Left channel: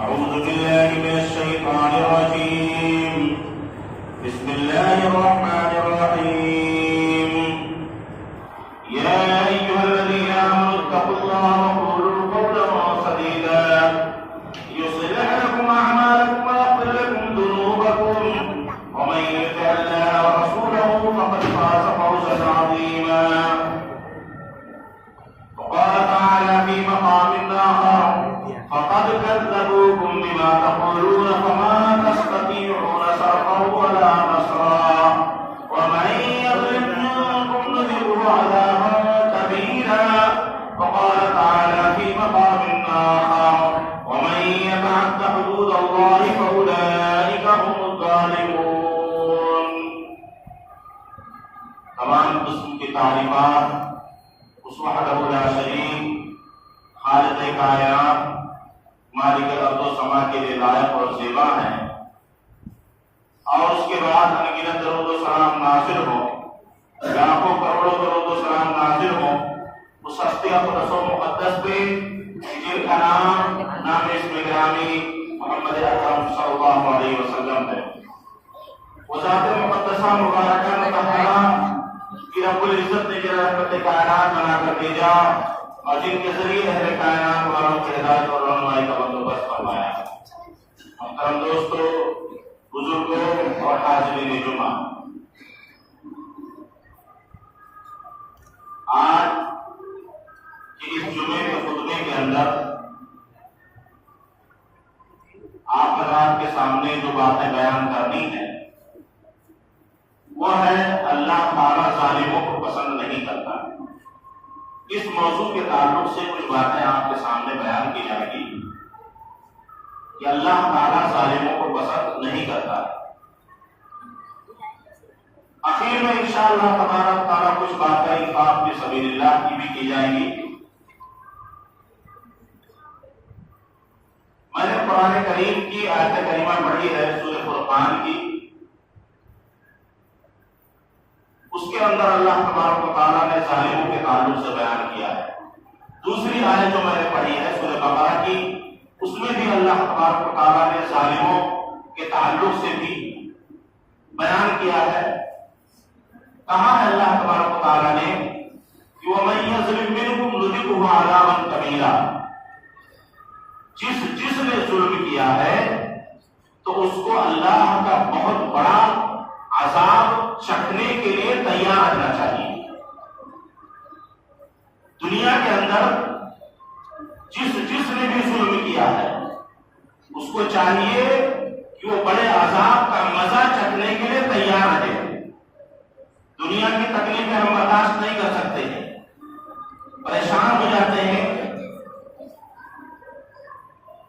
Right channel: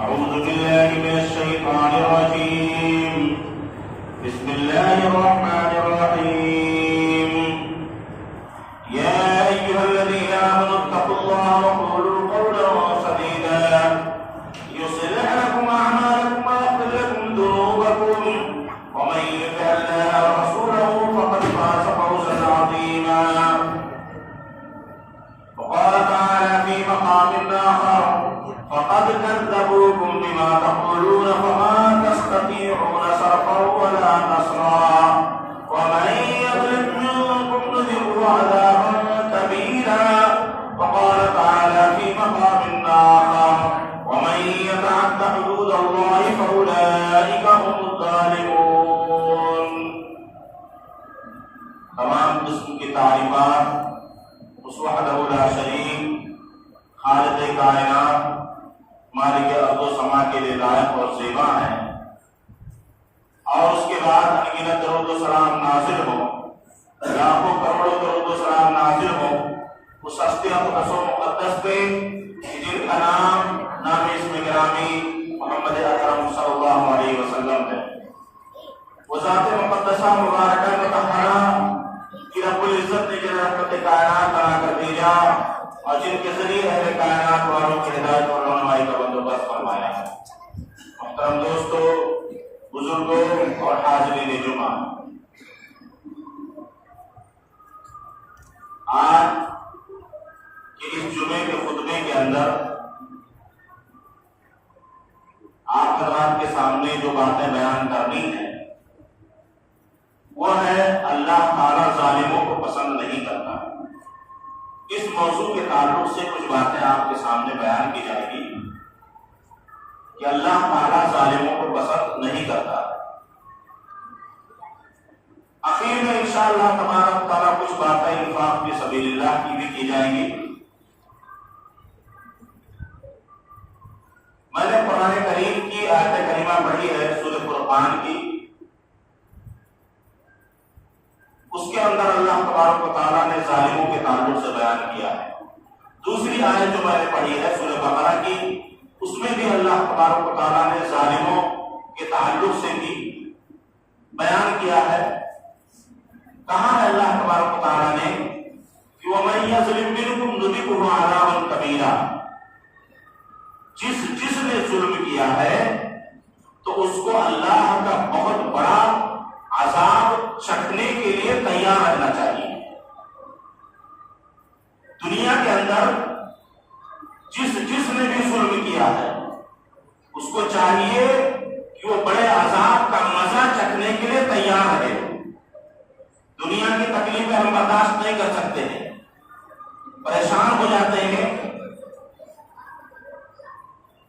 أعوذ بالله من الشيطان الرجيم. بسم الله الرحمن الرحيم. يا أيها الذين آمنوا اتقوا الله وقولوا قولا سديدا يصلح لكم أعمالكم ويغفر لكم ذنوبكم ومن يطع الله ورسوله فقد فاز فوزا عظيما. وقال تعالى في مقام آخر: فقد كذبوكم بما تقولون فما تستطيعون صرفا ولا نصرا ومن يظلم منكم نذره عذابا كبيرا. وقال تعالى في مقام آخر: ومن يتعد حدود الله فأولئك هم الظالمون. تمام قسم کی تعریفات اس وحدہ لا شریک خالق کائنات مالک ارض و سما کے لیے لائق اور زیبا ہے، اور اس کے بعد انگنت درود و سلام نازل ہو، لاکھوں کروڑوں درود و سلام نازل ہو اس ہستی اقدس و مقدس پہ جن کا نام اسم گرامی محمد اکرم صلی اللہ علیہ وسلم ہے. وہ ذات مقدسہ مبارکہ مطہرہ کہ رب العزت نے جنہیں رحمت کائنات بنا کر بھیجا اور جن کے ذریعے اہل کائنات والوں کی ہدایت اور رہنمائی کا بندوبست فرمایا. محترم دوستو، بزرگوں اور حاضرین جمعہ، آج کے اس جمعے کے خطبے کے اندر آپ حضرات کے سامنے جو باتیں بیان کرنی ہے وہ ہے اللہ تعالیٰ ظالموں کو پسند نہیں کرتا. اس موضوع کے تعلق سے کچھ باتیں آپ کے سامنے بیان کی جائے گی کہ اللہ تعالیٰ ظالموں کو پسند نہیں کرتا. آخر میں انشاءاللہ تبارک تعالیٰ کچھ باتیں انفاق فی سبیل اللہ کی بھی کی جائیں گی. میں نے قرآن کریم کی آیت کریمہ پڑھی ہے سورہ فرقان کی. اس کے اندر اللہ تبارک و تعالیٰ نے ظالموں کے تعلق سے بیان کیا ہے. دوسری آیت جو میں نے پڑھی ہے سورہ بقرہ کی، اس میں بھی اللہ تبارک و تعالیٰ نے ظالموں کے تعلق سے بھی بیان کیا ہے. کہا ہے اللہ تبارک و تعالیٰ نے کہ وَمَن يَظْلِم مِّنْكُمْ نُذِقْهُ عَذَابًا كَبِيرًا. جس نے ظلم کیا ہے تو اس کو اللہ کا بہت بڑا عذاب چکھنے کے لیے تیار رہنا چاہیے. دنیا کے اندر جس نے بھی ظلم کیا ہے اس کو چاہیے کہ وہ بڑے عذاب کا مزہ چکھنے کے لیے تیار رہے. دنیا کی تکلیفیں ہم برداشت نہیں کر سکتے ہیں، پریشان ہو جاتے ہیں.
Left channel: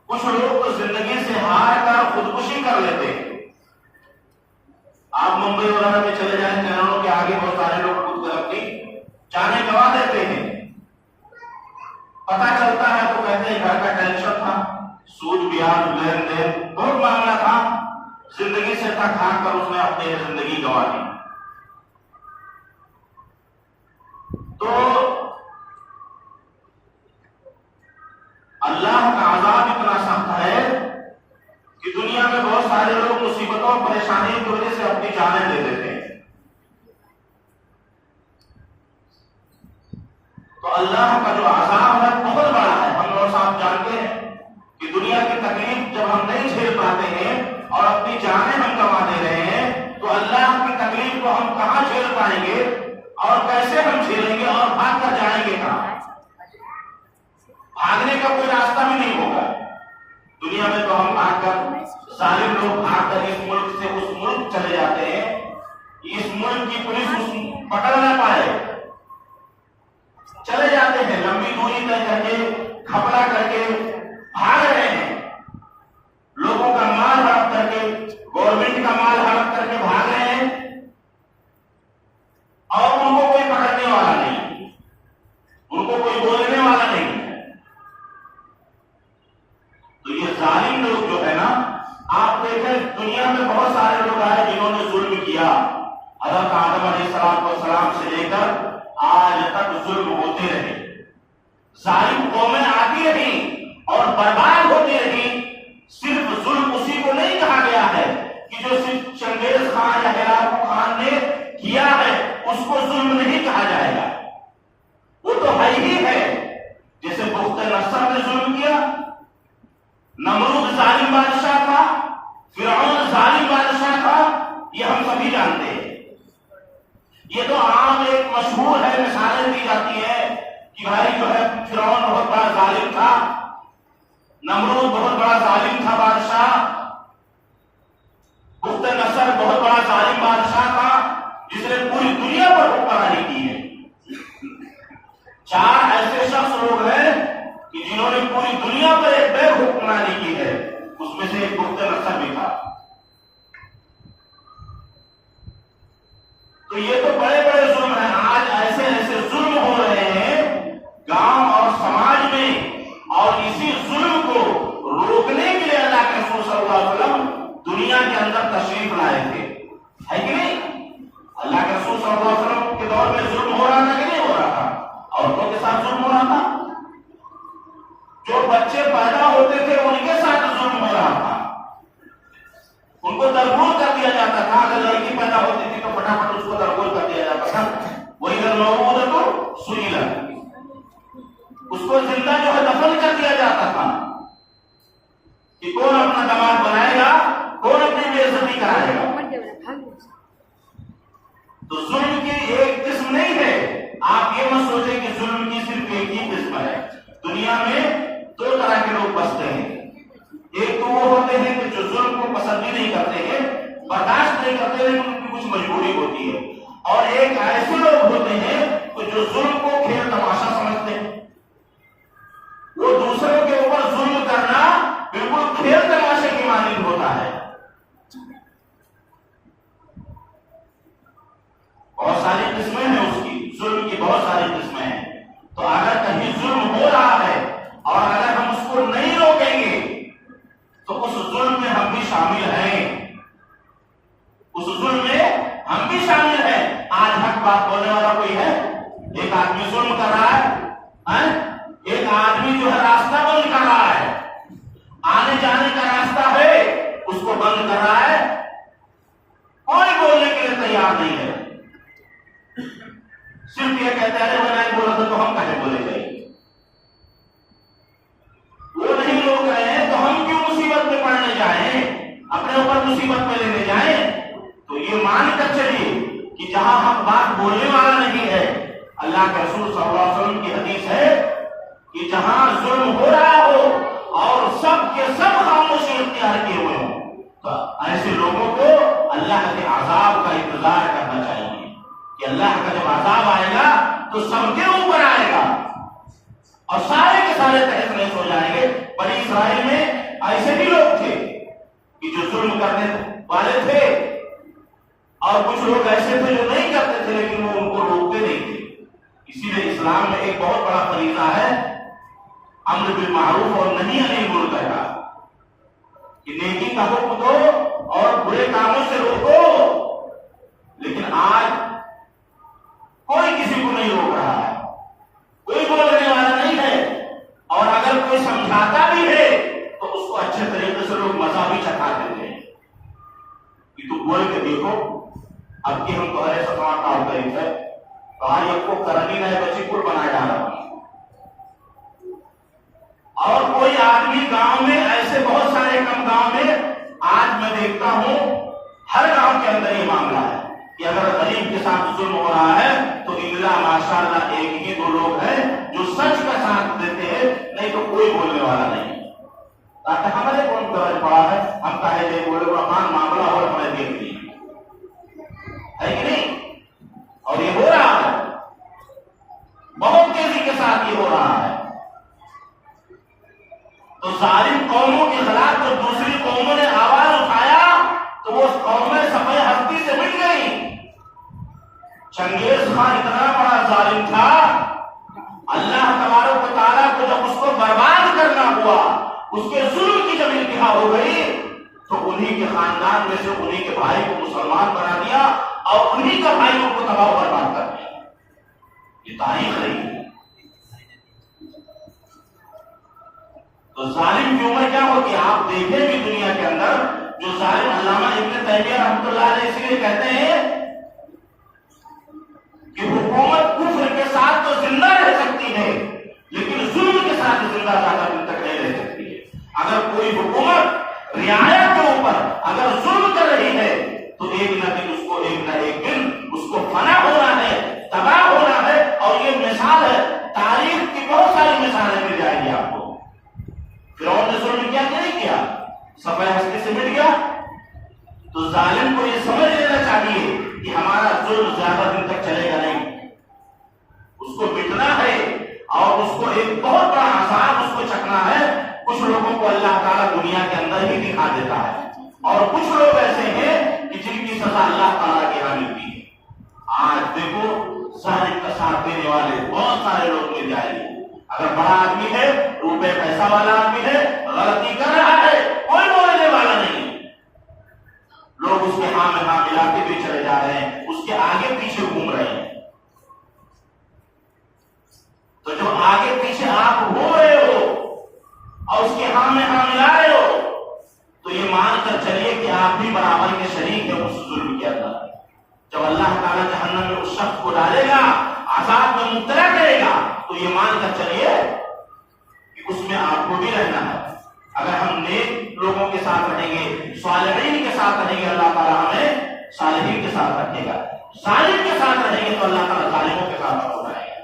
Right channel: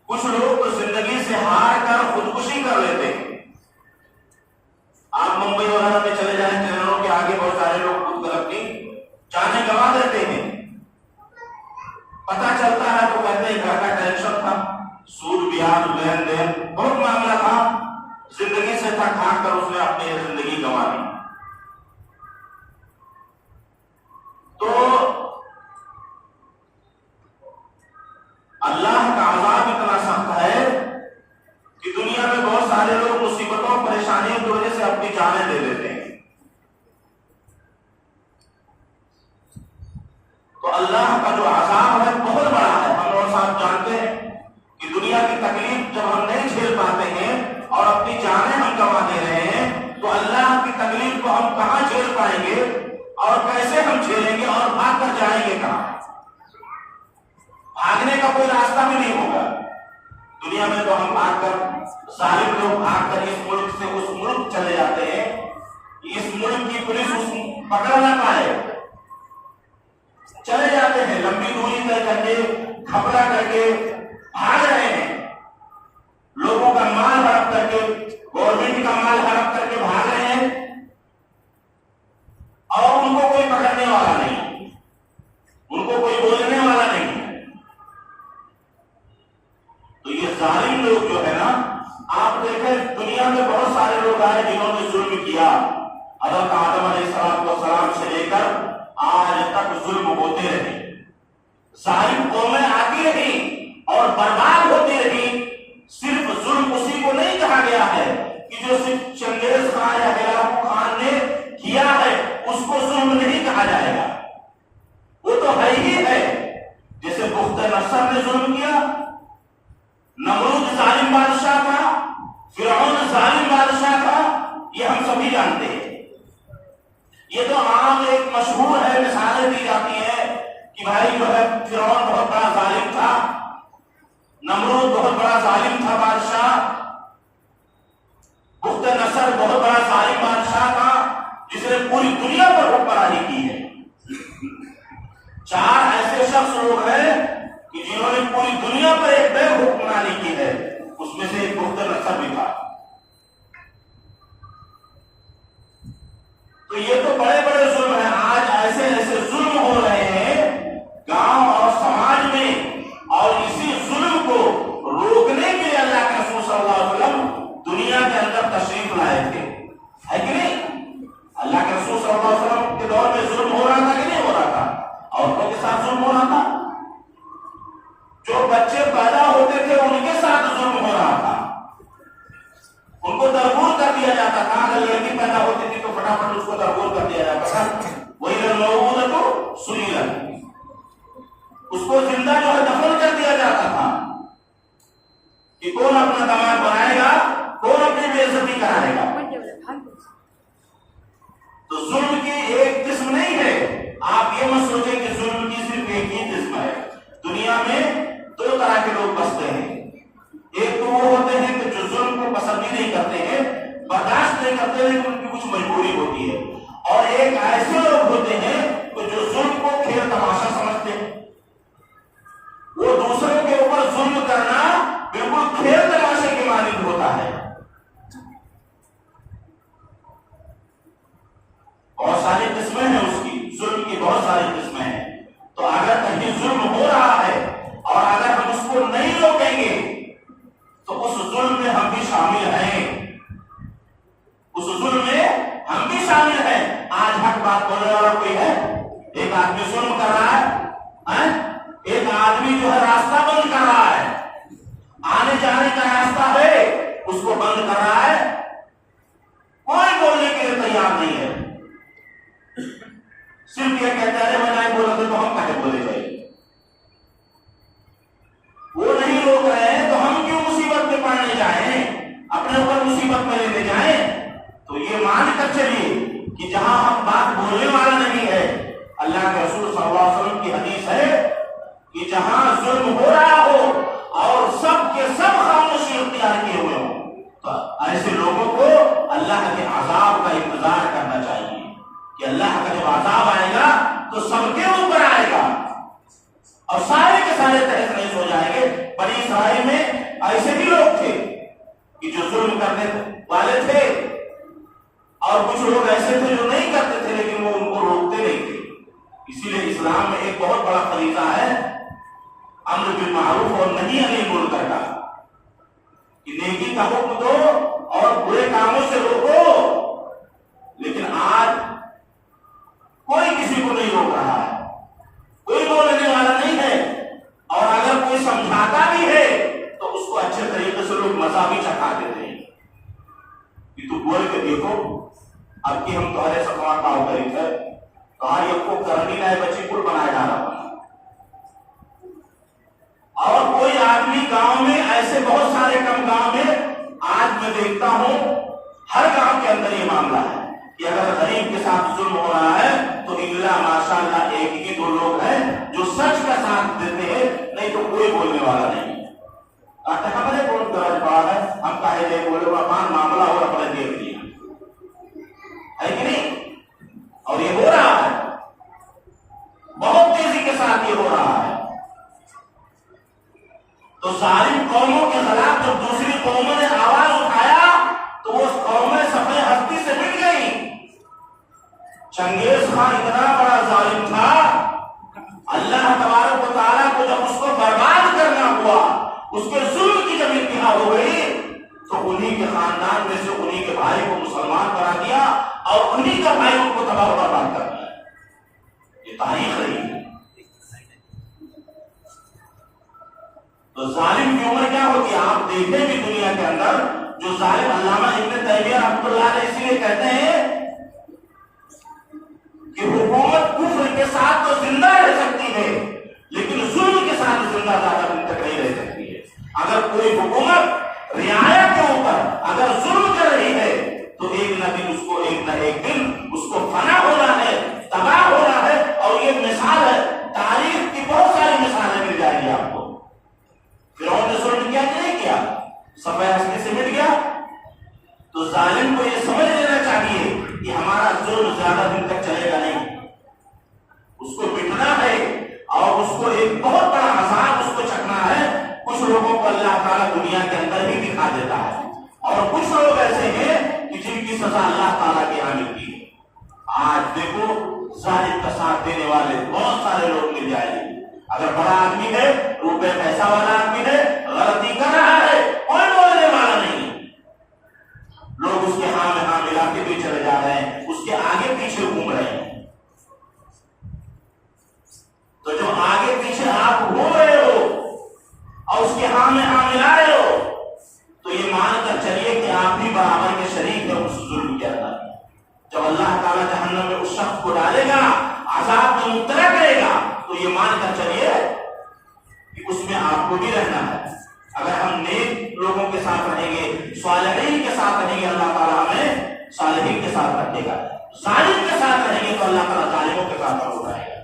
کچھ لوگ تو زندگی سے ہار کر خودکشی کر لیتے ہیں. آپ ممبئی وغیرہ میں چلے جائیں، ٹرینوں کے آگے بہت سارے لوگ خود کر اپنی جانیں گنوا دیتے ہیں. پتہ چلتا ہے تو کہتے ہیں گھر کا ٹینشن تھا، سود بیاج لین دین بہت معاملہ تھا، زندگی سے تھک ہار کر اس نے اپنی زندگی گنوا دی. تو اللہ کا عذاب اتنا سخت ہے کہ دنیا میں بہت سارے لوگ مصیبتوں پریشانیوں کی وجہ سے اپنی جانیں دے دیتے ہیں. تو اللہ کا جو عذاب ہے بہت بڑا ہے. ہم اور صاحب جانتے ہیں کہ دنیا کی تکلیف جب ہم نہیں جھیل پاتے ہیں اور اپنی جانیں ہم گنوا دے رہے ہیں تو اللہ کی تکلیف کو ہم کہاں جھیل پائیں گے اور کیسے ہم جھیلیں گے اور بھاگ کر جائیں گے کہاں؟ بھاگنے کا کوئی راستہ بھی نہیں ہوگا. دنیا میں تو ہم بھاگ کر، ظالم لوگ بھاگ کر اس ملک سے اس ملک چلے جاتے ہیں، اس ملک کی پولیس اس پکڑ نہ پائے، چلے جاتے ہیں، لمبی دوری طے کر کے کھپڑا کر کے بھاگ رہے ہیں، لوگوں کا مال ہڑپ کر کے، گورنمنٹ کا مال ہڑپ کر کے بھاگ رہے ہیں اور ان کو کوئی پکڑنے والا نہیں، ان کو کوئی بولنے والا نہیں. تو یہ ظالم لوگ جو ہے نا، آپ دیکھیں دنیا میں بہت سارے لوگ آئے جنہوں نے ظلم کیا. حضرت آدم علیہ السلام سے لے کر آج تک ظلم ہوتے رہے. ظالم قومیں آتی رہی اور برباد ہوتی رہی کہ جو صرف چنگیز خان یا ہلاکو خان نے کیا ہے اس کو ظلم نہیں کہا جائے گا، وہ تو ہے ہی ہے۔ جیسے بخت نصر نے ظلم کیا، نمرود ظالم بادشاہ تھا، فرعون ظالم بادشاہ تھا، یہ ہم سبھی جانتے ہیں۔ یہ تو عام ایک مشہور ہے، مثالیں دی جاتی ہیں کہ بھائی جو ہے فرعون بہت بڑا ظالم تھا، نمرود بہت بڑا ظالم تھا بادشاہ، بخت نصر بہت بڑا ظالم بادشاہ تھا جس نے پوری دنیا پر حکمرانی کی ہے۔ چار ایسے شخص لوگ ہیں کہ جنہوں نے پوری دنیا پر ایک بے حکمرانی کی ہے، اس میں سے ایک بخت نصر بھی تھا۔ تو یہ تو بڑے بڑے ظلم ہیں۔ آج ایسے ایسے ظلم ہو رہے ہیں گاؤں اور سماج میں، اور اسی ظلم کو روکنے کے لیے اللہ کے رسول صلی اللہ علیہ وسلم دنیا کے اندر تشریف لائے تھے، ہے کہ نہیں؟ اللہ کے رسول صلی اللہ علیہ وسلم کے دور میں ظلم ہو رہا تھا کہ نہیں ہو رہا تھا؟ عورتوں کے ساتھ ظلم ہو رہا تھا، جو بچے پیدا ہوتے تھے ان کے ساتھ ظلم ہو رہا تھا، ان کو درگور کر دیا جاتا تھا۔ اگر لڑکی پیدا ہوتی تھی تو فٹافٹ اس کو درگور کر دیا جاتا تھا، وہی اگر موجود تو سنیلا، اس کو زندہ جو ہے دفن کر دیا جاتا تھا کہ کون اپنا داماد بنائے گا، کون اپنی بے عزتی کرائے گا۔ تو ظلم کی ایک قسم نہیں ہے، آپ یہ مت سوچیں کہ ظلم کی صرف ایک ہی قسم ہے۔ دنیا میں دو طرح کے لوگ بستے ہیں، ایک تو وہ ہوتے ہیں کہ جو ظلم کو پسند ہی نہیں کرتے ہیں، برداشت نہیں کرتے ہیں، ان کی کچھ مجبوری ہوتی ہے، اور ایک ایسے لوگ ہوتے ہیں کہ جو ظلم کو کھیل تماشا سمجھتے ہیں، وہ دوسروں کے اوپر ظلم کرنا بالکل کھیل تماشے کی مانند ہوتا ہے۔ بہت ساری قسمیں ہیں اس کی، ظلم کی بہت ساری قسمیں ہیں۔ تو اگر کہیں ظلم ہو رہا ہے اور اگر ہم اس کو نہیں روکیں گے تو اس ظلم میں ہم بھی شامل ہیں، اس ظلم میں ہم بھی شامل ہیں۔ آج حق بات بولنے والا کوئی ہے؟ ایک آدمی ظلم کر رہا ہے، ایک آدمی جو ہے راستہ بند کر رہا ہے، آنے جانے کا راستہ ہے اس کو بند کر رہا ہے، کوئی بولنے کے لیے تیار نہیں ہے، صرف یہ کہتا ہے میں نہیں بولا تو ہم کہتے بولے جائیں، وہ نہیں روک رہے ہیں تو ہم کیوں مصیبت میں پڑنے جائیں، اپنے اوپر مصیبت میں لینے جائیں۔ تو یہ مان کر چلیے کہ جہاں ہم بات بولنے والا نہیں ہے، اللہ کے رسول صلی اللہ علیہ وسلم کی حدیث ہے کہ جہاں ظلم ہو رہا ہو اور سب کے سب خاموشی اختیار کیے ہوئے ہوں، تو ایسے لوگوں کو اللہ کے عذاب کا انتظار کرنا چاہیے کہ اللہ کا جب عذاب آئے گا تو سب کے اوپر آئے گا اور سارے کے سارے تحت محض ہو جائیں گے۔ بنی اسرائیل میں ایسے بھی لوگ تھے کہ جو ظلم کرنے والے تھے، اور کچھ لوگ ایسے تھے جو نہیں کرتے تھے لیکن وہ ان کو روکتے نہیں تھے۔ اسی لیے اسلام میں ایک بہت بڑا فریضہ ہے امر بالمعروف اور نہی عن المنکر کا، کہ نیکی کا حکم دو اور برے کاموں سے روکو، لیکن آج کوئی کسی کو نہیں روک رہا ہے، کوئی بولنے والا نہیں ہے، اور اگر کوئی سمجھاتا بھی ہے تو اس کو اچھے طریقے سے لوگ مزہ بھی چکھا دیتے ہیں کہ تو بول کے دیکھو، اب کی ہم تمہارے سفار کا طریق ہے، تمہاری اب کو کرنی نہ ہے بچی پل بنائے ڈالا۔ اور کوئی آدمی گاؤں میں، ایسے بہت سارے کم گاؤں میں آج میں دیکھتا ہوں، ہر گاؤں کے اندر یہ معاملہ ہے کہ اگر غریب کے ساتھ ظلم ہو رہا ہے تو اللہ ماشاءاللہ ایک ہی دو لوگ ہیں جو سچ کا ساتھ دیتے ہیں، نہیں تو کوئی بولنے والا نہیں۔ ہمارے کون درج پڑا ہے، ہم کہے دے بولے رحمان معاملہ اور ہمیں دیکھ لیا ہے کہ نہیں؟ اور یہ ہو رہا ہے، بہت تیزی کے ساتھ یہ ہو رہا ہے۔ تو ظالم قوموں کے خلاف جب دوسری قوموں نے آواز اٹھایا تو وہ قومیں صفحے ہستی سے مٹ گئی۔ چنگیز خان اتنا بڑا ظالم تھا، اللہ تبارک و تعالیٰ کو جب اس کو برباد کرنا ہوا، اس کے ظلم کی جب انتہا ہو گئی تو انہی کے خاندان میں سے انہی کے بھائی کو مسلمان بنا دیا اور انہی کا بھائی ان کو تباہ برباد کر دیا۔ یہ تاریخ رہی ہے۔ تو تو ظالم کی عمر کیا ہوتی ہے؟ آپ دیکھیں بھی دنیا کے اندر جو ظالم، علامہ ابن تیمیہ رحمۃ اللہ علیہ اسی لیے کہتے ہیں کہ حکومت کفر کے ساتھ تو زندہ رہ سکتی ہے لیکن ظلم کے ساتھ زندہ زیادہ دن تک نہیں رہ سکتی ہے۔ اگر کوئی حکومت رعایا کے اوپر اگر ظلم کر رہی ہے تو ایک نہ دن اس کو، ایک نہ ایک دن اس کو فنا ہونا ہے، تباہ ہونا ہے۔ اور یہ مثال ہے، تاریخ کی بہت ساری مثالیں مل جائیں گی آپ کو۔ فرعون نے ظلم کیا کہ نہیں کیا؟ سفید ہستی سے مٹ گیا۔ تو ظالم کو یہ سمجھ لینا چاہیے کہ ہمارا ظلم زیادہ دن تک چلے گا نہیں، اس کو مٹنا ہے اور اس کو ایک بہت بڑا عذاب اس کو چکنا ہے۔ کچھ لوگوں کو اللہ تعالیٰ دنیا کے اندر ہی دکھا دیتا ہے اور کچھ لوگ ایسے ہیں کہ جن کی سزا اللہ تعالیٰ کے یہاں ملتی ہے۔ آج دیکھو ظالم کا ساتھ دینے والے بہت سارے لوگ مل جائیں گے۔ اگر بڑا آدمی ہے، روپے پیسہ والا آدمی ہے، غلطی کر رہا ہے، کوئی بولنے والا نہیں، لوگ اس کے ہاں میں ہاں ملاتے بھی چلے جا رہے ہیں، اس کے آگے پیچھے گھوم رہے ہیں۔ تو جب آگے پیچھے آپ گھوم رہے ہو اور اس کے ہاں میں ہاں ملا رہے ہو تو یہ مان کر چلیے کہ آپ بھی برابر کے شریک ہیں اس ظلم کے اندر۔ جب اللہ تعالیٰ جہنم میں اس شخص کو ڈالے گا، عذاب میں مبتلا کرے گا، تو یہ مان کر چلیے کہ اس میں آپ کو بھی رہنا ہے۔ اگر ہم نیک لوگوں کے ساتھ رہیں گے، صالحین کے ساتھ رہیں گے، اللہ تعالیٰ ہمیں صالحین کے ساتھ رکھے گا۔ ظالم کے ساتھ رہیں گے تو اللہ تعالیٰ ظالموں کے ساتھ اٹھائے گا۔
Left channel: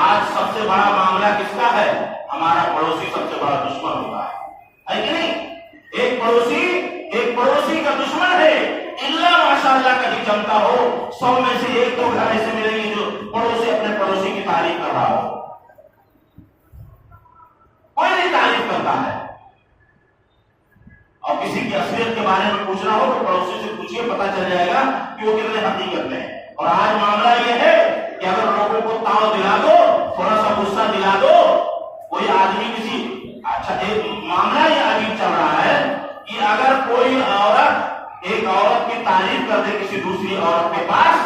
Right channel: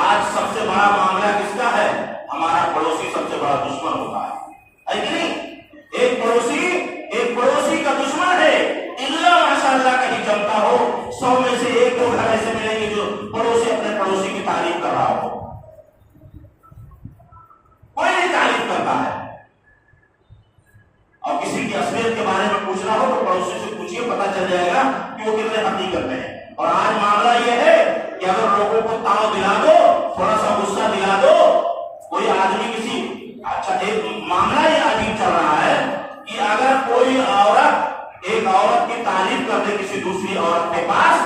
آج سب سے بڑا معاملہ کس کا ہے؟ ہمارا پڑوسی سب سے بڑا دشمن ہوتا ہے کہ نہیں؟ ایک پڑوسی کا دشمن ہے، اللہ ماشاءاللہ کہیں جمتا ہو، 100 میں سے ایک دو گھر ایسے ملیں گے جو پڑوسی اپنے پڑوسی کی تعریف کر رہا ہو۔ کوئی نہیں تعریف کرتا ہے، اور کسی کی اصلیت کے بارے میں پوچھنا ہو تو پڑوسی سے پوچھئے، پتہ چل جائے گا کہ وہ کتنے حقیقت میں ہیں۔ اور آج معاملہ یہ ہے کہ اگر لوگوں کو تاؤ دلا دو، تھوڑا سا غصہ دلا دو، کوئی آدمی کسی، اچھا ایک معاملہ یہ عجیب چل رہا ہے کہ اگر کوئی عورت ایک عورت کی تعریف کر دے کسی دوسری عورت کے پاس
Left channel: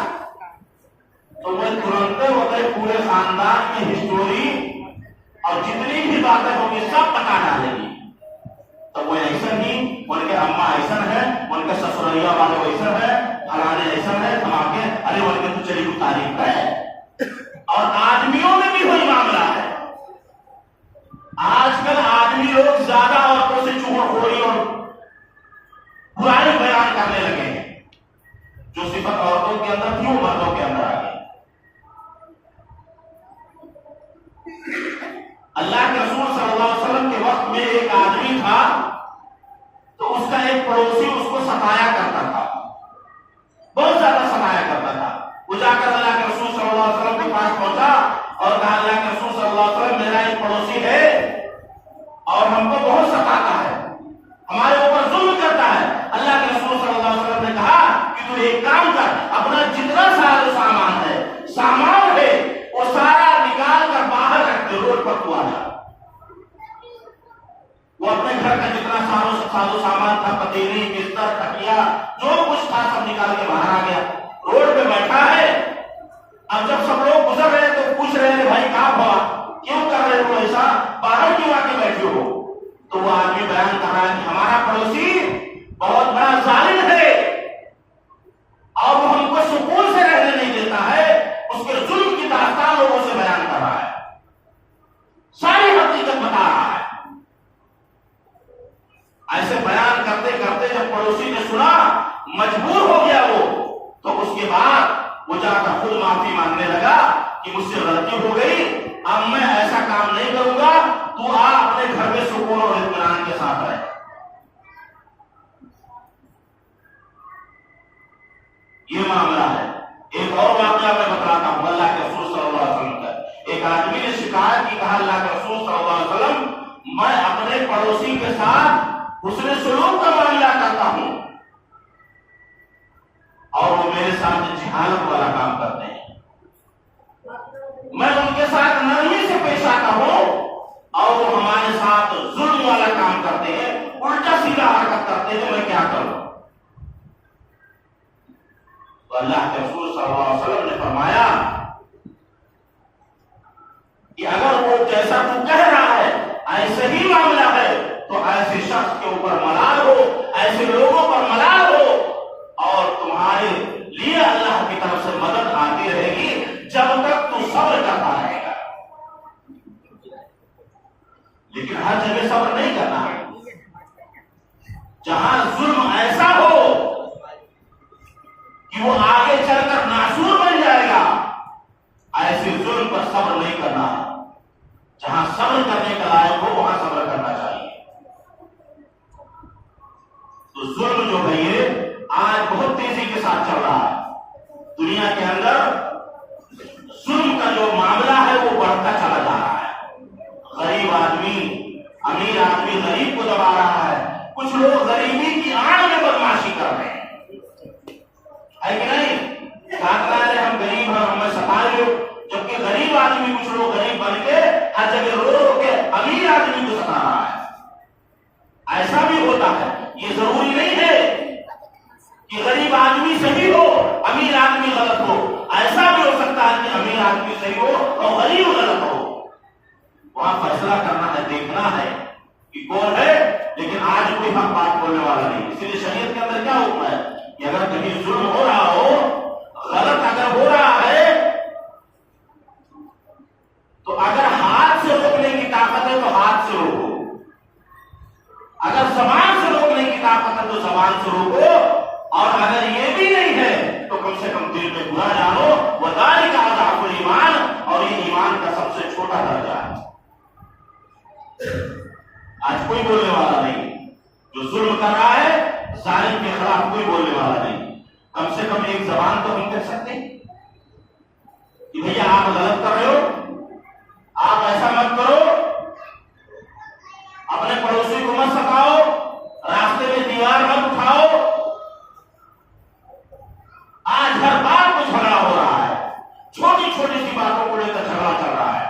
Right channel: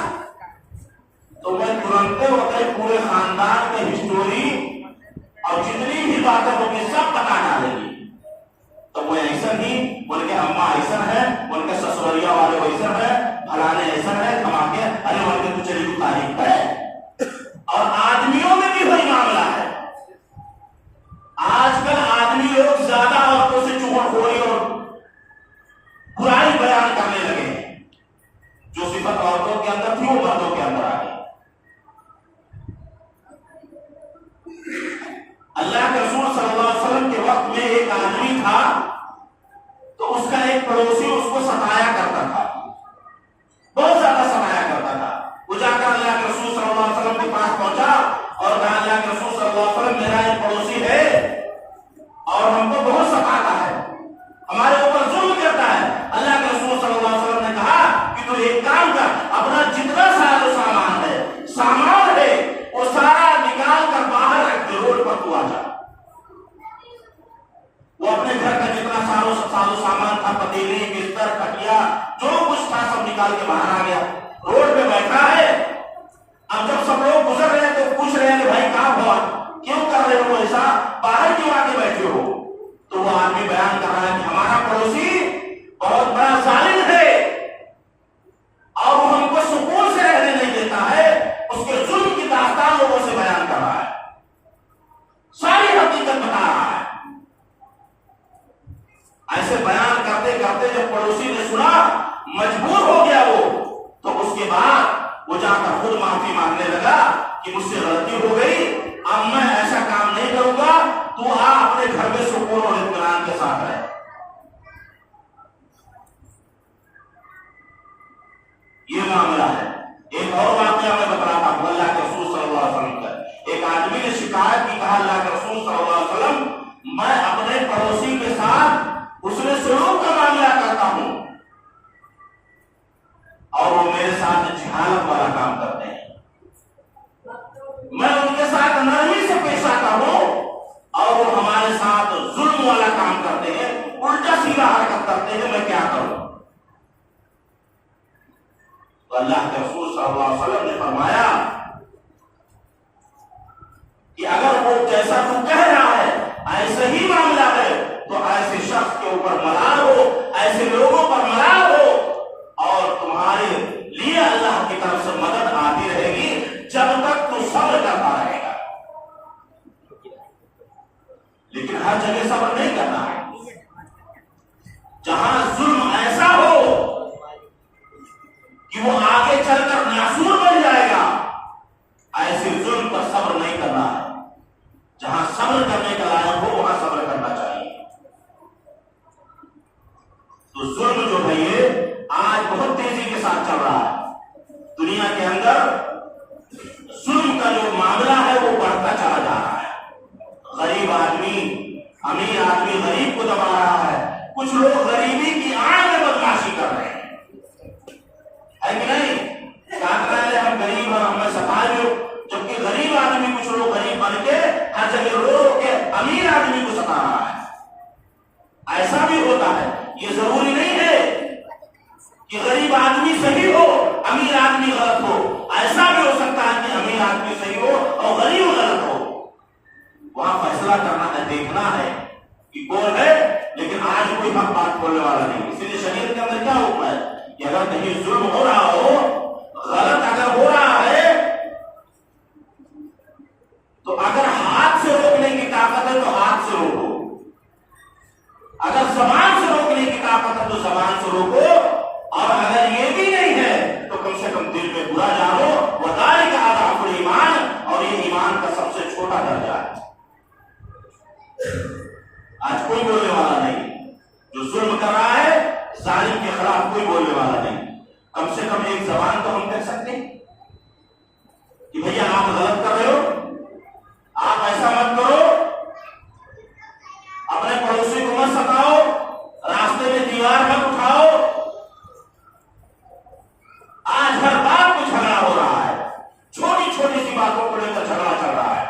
تو وہ ترنت پورے خاندان میں ہسٹوری اور جتنی بھی باتیں ہوں گی سب بتا ڈالے گی۔ تو وہ ایسا ہی، ان کے اماں ایسا ہے، ان کے سسریا والے ایسا ہے، فلانے ایسا ہے، دھماکے، ارے ان کے تو چلی تعریف ہے۔ اور آدمیوں میں بھی وہی معاملہ ہے۔ آج کل آدمی لوگ زیادہ عورتوں سے چغل خوری اور برائی بیان کرنے لگے ہیں، جو صفت عورتوں کے اندر تھی وہ مردوں کے اندر آ گئی۔ اللہ کے رسول صلی اللہ علیہ وسلم کے وقت میں ایک آدمی تھا تو اس کا ایک پڑوسی اس کو ستایا کرتا تھا، بہت زیادہ ستایا کرتا تھا۔ وہ جا کر اللہ کے رسول صلی اللہ علیہ وسلم کے پاس پہنچا اور کہا اللہ کے رسول صلی اللہ علیہ وسلم میرا ایک پڑوسی ہے اور ہم کو بہت ستاتا ہے، ہمارے اوپر ظلم کرتا ہے۔ اللہ کے رسول صلی اللہ علیہ وسلم نے کہا کہ تو ایک کام کر، اپنا جتنا سارا سامان ہے وہ سارا نکال کر باہر رکھ دے، روڈ پر تو آ جا۔ وہ اپنے گھر کا جتنا سارا سامان تھا، پتیلی، بستر، کھٹیا، جو کچھ تھا سب نکال کے باہر آ گیا، روڈ پہ بیٹھا ہے۔ اب جب سب لوگ گزر رہے ہیں تو پوچھ رہے ہیں بھائی کہاں ہوا، کیوں کر رہے ہو ایسا، باہر کیوں آ کے بیٹھے ہو؟ تو وہ آدمی بیان کر رہا ہے کہ ہمارا پڑوسی بہت بڑا ظالم ہے اور وہ ہم کو سکون سے رہنے نہیں دیتا ہے، اس کے ظلم کی داستان لوگوں سے بیان کر رہا ہے، ساری حقیقت بتا رہا ہے۔ ایسے بیان کرتے کرتے جب پڑوسی نے سنا، مجبور ہو گیا وہ، تو اس کے بعد وہ جا کر خود معافی مانگنے لگا کہ مجھ سے غلطی ہو گئی، اب میں ایسا کام نہیں کروں گا، تو آ اپنے گھر میں سکون اور اطمینان کے ساتھ رہے۔ یہ معاملہ ہے۔ ایک اور واقعہ میں بتاتا ہوں اللہ کے رسول صلی اللہ علیہ وسلم کا۔ ایک آدمی نے شکایت کی، کہا اللہ کے رسول صلی اللہ علیہ وسلم میں اپنے پڑوسی کے ساتھ حسن سلوک کا معاملہ کرتا ہوں اور وہ میرے ساتھ جہالت والا کام کرتے ہیں، میں ان کے ساتھ نرمی سے پیش آتا ہوں اور وہ ہمارے ساتھ ظلم والا کام کرتے ہیں، الٹا سیدھا حرکت کرتے ہیں، میں کیا کروں؟ تو اللہ کے رسول صلی اللہ علیہ وسلم نے فرمایا کہ اگر وہ جیسا صحیح معاملہ ہے تو ایسے شخص کے اوپر ملال ہو، ایسے لوگوں پر ملال ہو، اور تمہارے لیے اللہ کی طرف سے مدد آتی رہے گی جب تک تو صبر کرتا رہے گا۔ لیکن ہر جگہ صبر نہیں کرنا ہے۔ جہاں ظلم ایسا ہو کہ وہ آگے چل کر ناسور بن جائے گا، ایسے ظلم پر صبر نہیں کرنا ہے۔ جہاں صبر کرنے کا لائق ہو وہاں صبر کرنا چاہیے۔ تو ظلم جو ہے یہ آج بہت تیزی کے ساتھ چل رہا ہے دنیا کے اندر۔ ظلم کا جو معاملہ ہے وہ بڑھتا چلا جا رہا ہے۔ غریب آدمی امیر آدمی غریب کو دبا رہا ہے، کچھ لوگ غریبی کی آڑ میں بدماشی کر رہے ہیں، ہے کہ نہیں؟ ہم غریب ہیں، ہمیں ستائے لوگ، جبکہ غریب آدمی کچھ لوگ غریب بن کے ہر جگہ رو رو کے امیر آدمی کو ستا رہا ہے۔ ایسا بھی ہوتا ہے، یہ ضروری نہیں ہے کہ غریب آدمی صحیح ہو امیر آدمی غلط ہو۔ ایسا بھی ہو سکتا ہے کہ امیر آدمی صحیح ہو اور غریب غلط ہو۔ وہاں فیصلہ کرنا ہے، دیکھنا ہے کہ کون ہے، لیکن آج کوئی حق بات بولنے والا نہیں۔ اسی لیے شریعت کے اندر کیا حکم ہے کہ اگر کہیں ظلم ہو رہا ہو، غلط اگر ہو رہا ہے، تو اگر ہاتھ سے روکنے کی طاقت ہے تو ہاتھ سے روکو، اگر زبان سے روکنے کی طاقت ہے تو زبان سے روکو، اور اگر یہ بھی نہیں ہے تو کم سے کم دل میں برا جانو، وذالک اضعف الایمان، اور یہ ایمان کا سب سے چھوٹا درجہ ہے۔ آج کوئی بولنے والا نہیں، جو ظلم کر رہا ہے ظالم کے خلاف کوئی بولنے والا نہیں۔ کم سے کم ایک زبان تو ہم کہہ سکتے ہیں کہ بھیا آپ غلط کر رہے ہو، آپ ایسا مت کرو، اپنے پڑوسی کو مت ستاؤ، راستے میں دیوار مت اٹھاؤ۔ آج ہر بات کو جھگڑا ہو رہا ہے، چھوٹی چھوٹی سی باتوں کو لے کر جھگڑا چل رہا ہے،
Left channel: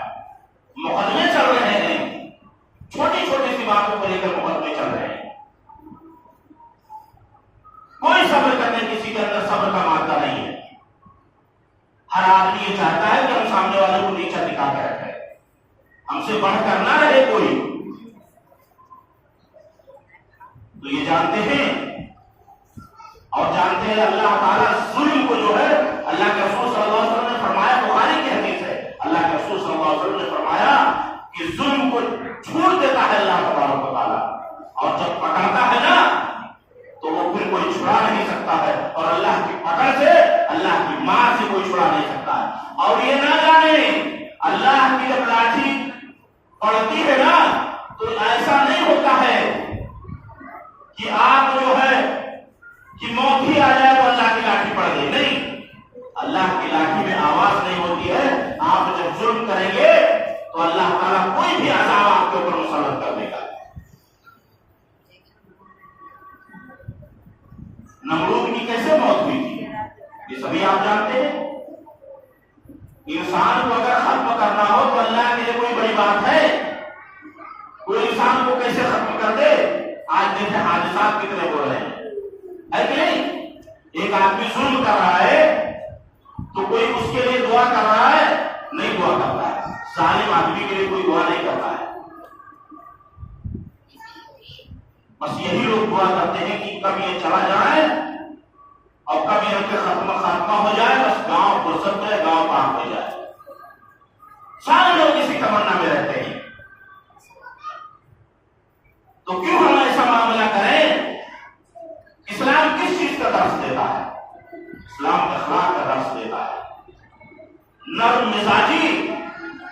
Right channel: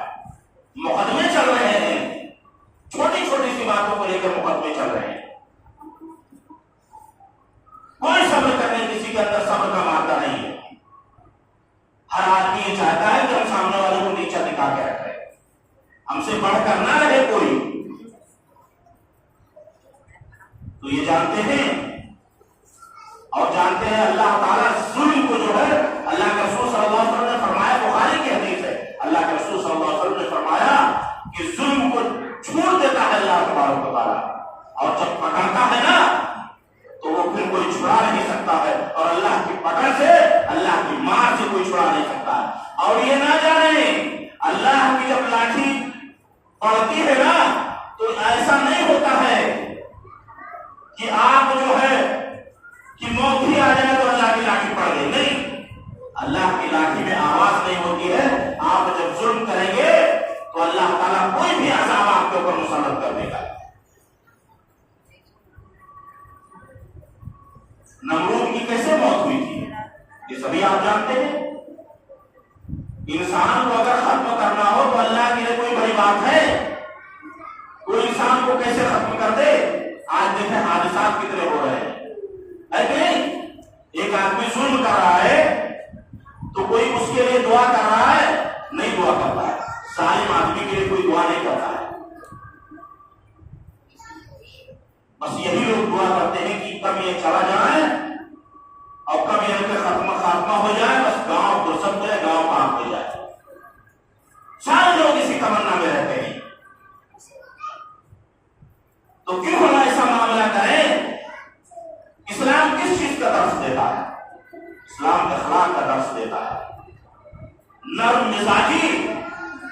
مقدمے چل رہے ہیں، چھوٹی چھوٹی سی باتوں کو لے کر مقدمے چل رہے ہیں۔ کوئی صبر کرنے کسی کے اندر صبر کا مادہ نہیں ہے۔ ہر آدمی یہ چاہتا ہے کہ ہم سامنے والے کو نیچا دکھا کے رکھیں، ہم سے بڑھ کر نہ رہے کوئی۔ تو یہ جانتے ہیں اور جانتے ہیں اللہ تعالیٰ ظلم کو جو ہے، اللہ کے رسول صلی اللہ علیہ وسلم نے فرمایا، بخاری کی حدیث ہے، اللہ کے رسول صلی اللہ علیہ وسلم نے فرمایا کہ ظلم کو چھوڑ دیتا ہے اللہ تبارک و تعالیٰ، اور جب پکڑتا ہے نا تو وہ پھر کوئی چھڑا نہیں سکتا ہے، اور اللہ کی پکڑ سے، اللہ کی مار سے کوئی چھڑا نہیں سکتا ہے۔ اور یہ نہ جانے اللہ کی جب لاٹھی پڑتی ہے نا تو ایسا نہیں ہوتا ہے کہ آپ جو ہے کہ موت ہی آ جائے تو اللہ کی لاٹھی پڑ گئی، نہیں، اللہ کی لاٹھی میں آواز نہیں ہوتی ہے۔ آپ جب ظلم کریں گے تو اللہ تعالیٰ کوئی بھی عذاب آپ کے اوپر مسلط کر دے گا۔ نمرود کی کیسے موت ہوئی تھی یہ سبھی آپ جانتے ہیں۔ انسان کو اگر ختم کرنا ہو تو اللہ کے لیے کوئی بڑی بات ہے؟ کوئی انسان کو کیسے ختم کر دے؟ آج دیکھیں حادثات کتنے ہو رہے ہیں، ہے کہ نہیں؟ ایک آدمی ظلم کر رہا ہے تو کوئی اس کے لیے دعا کر رہا ہے؟ نہیں دعا کرتا ہے۔ ظالم آدمی کے لیے کوئی دعا نہیں کرتا ہے، بس یہی لوگ دعا کرتے ہیں کہ کب یہ چلا جائے اور کب یہ خاتمہ ہو جائے، بس گاؤں فرصت میں گاؤں پاک ہو جائے۔ سارے لوگ اسی تمنا میں رہتے ہیں۔ تو کیوں ہم ایسا معاملہ کریں؟ اسلام کس چیز کا درس دیتا ہے؟ اسلام اخلاق کا درس دیتا ہے، نرم مزاجی۔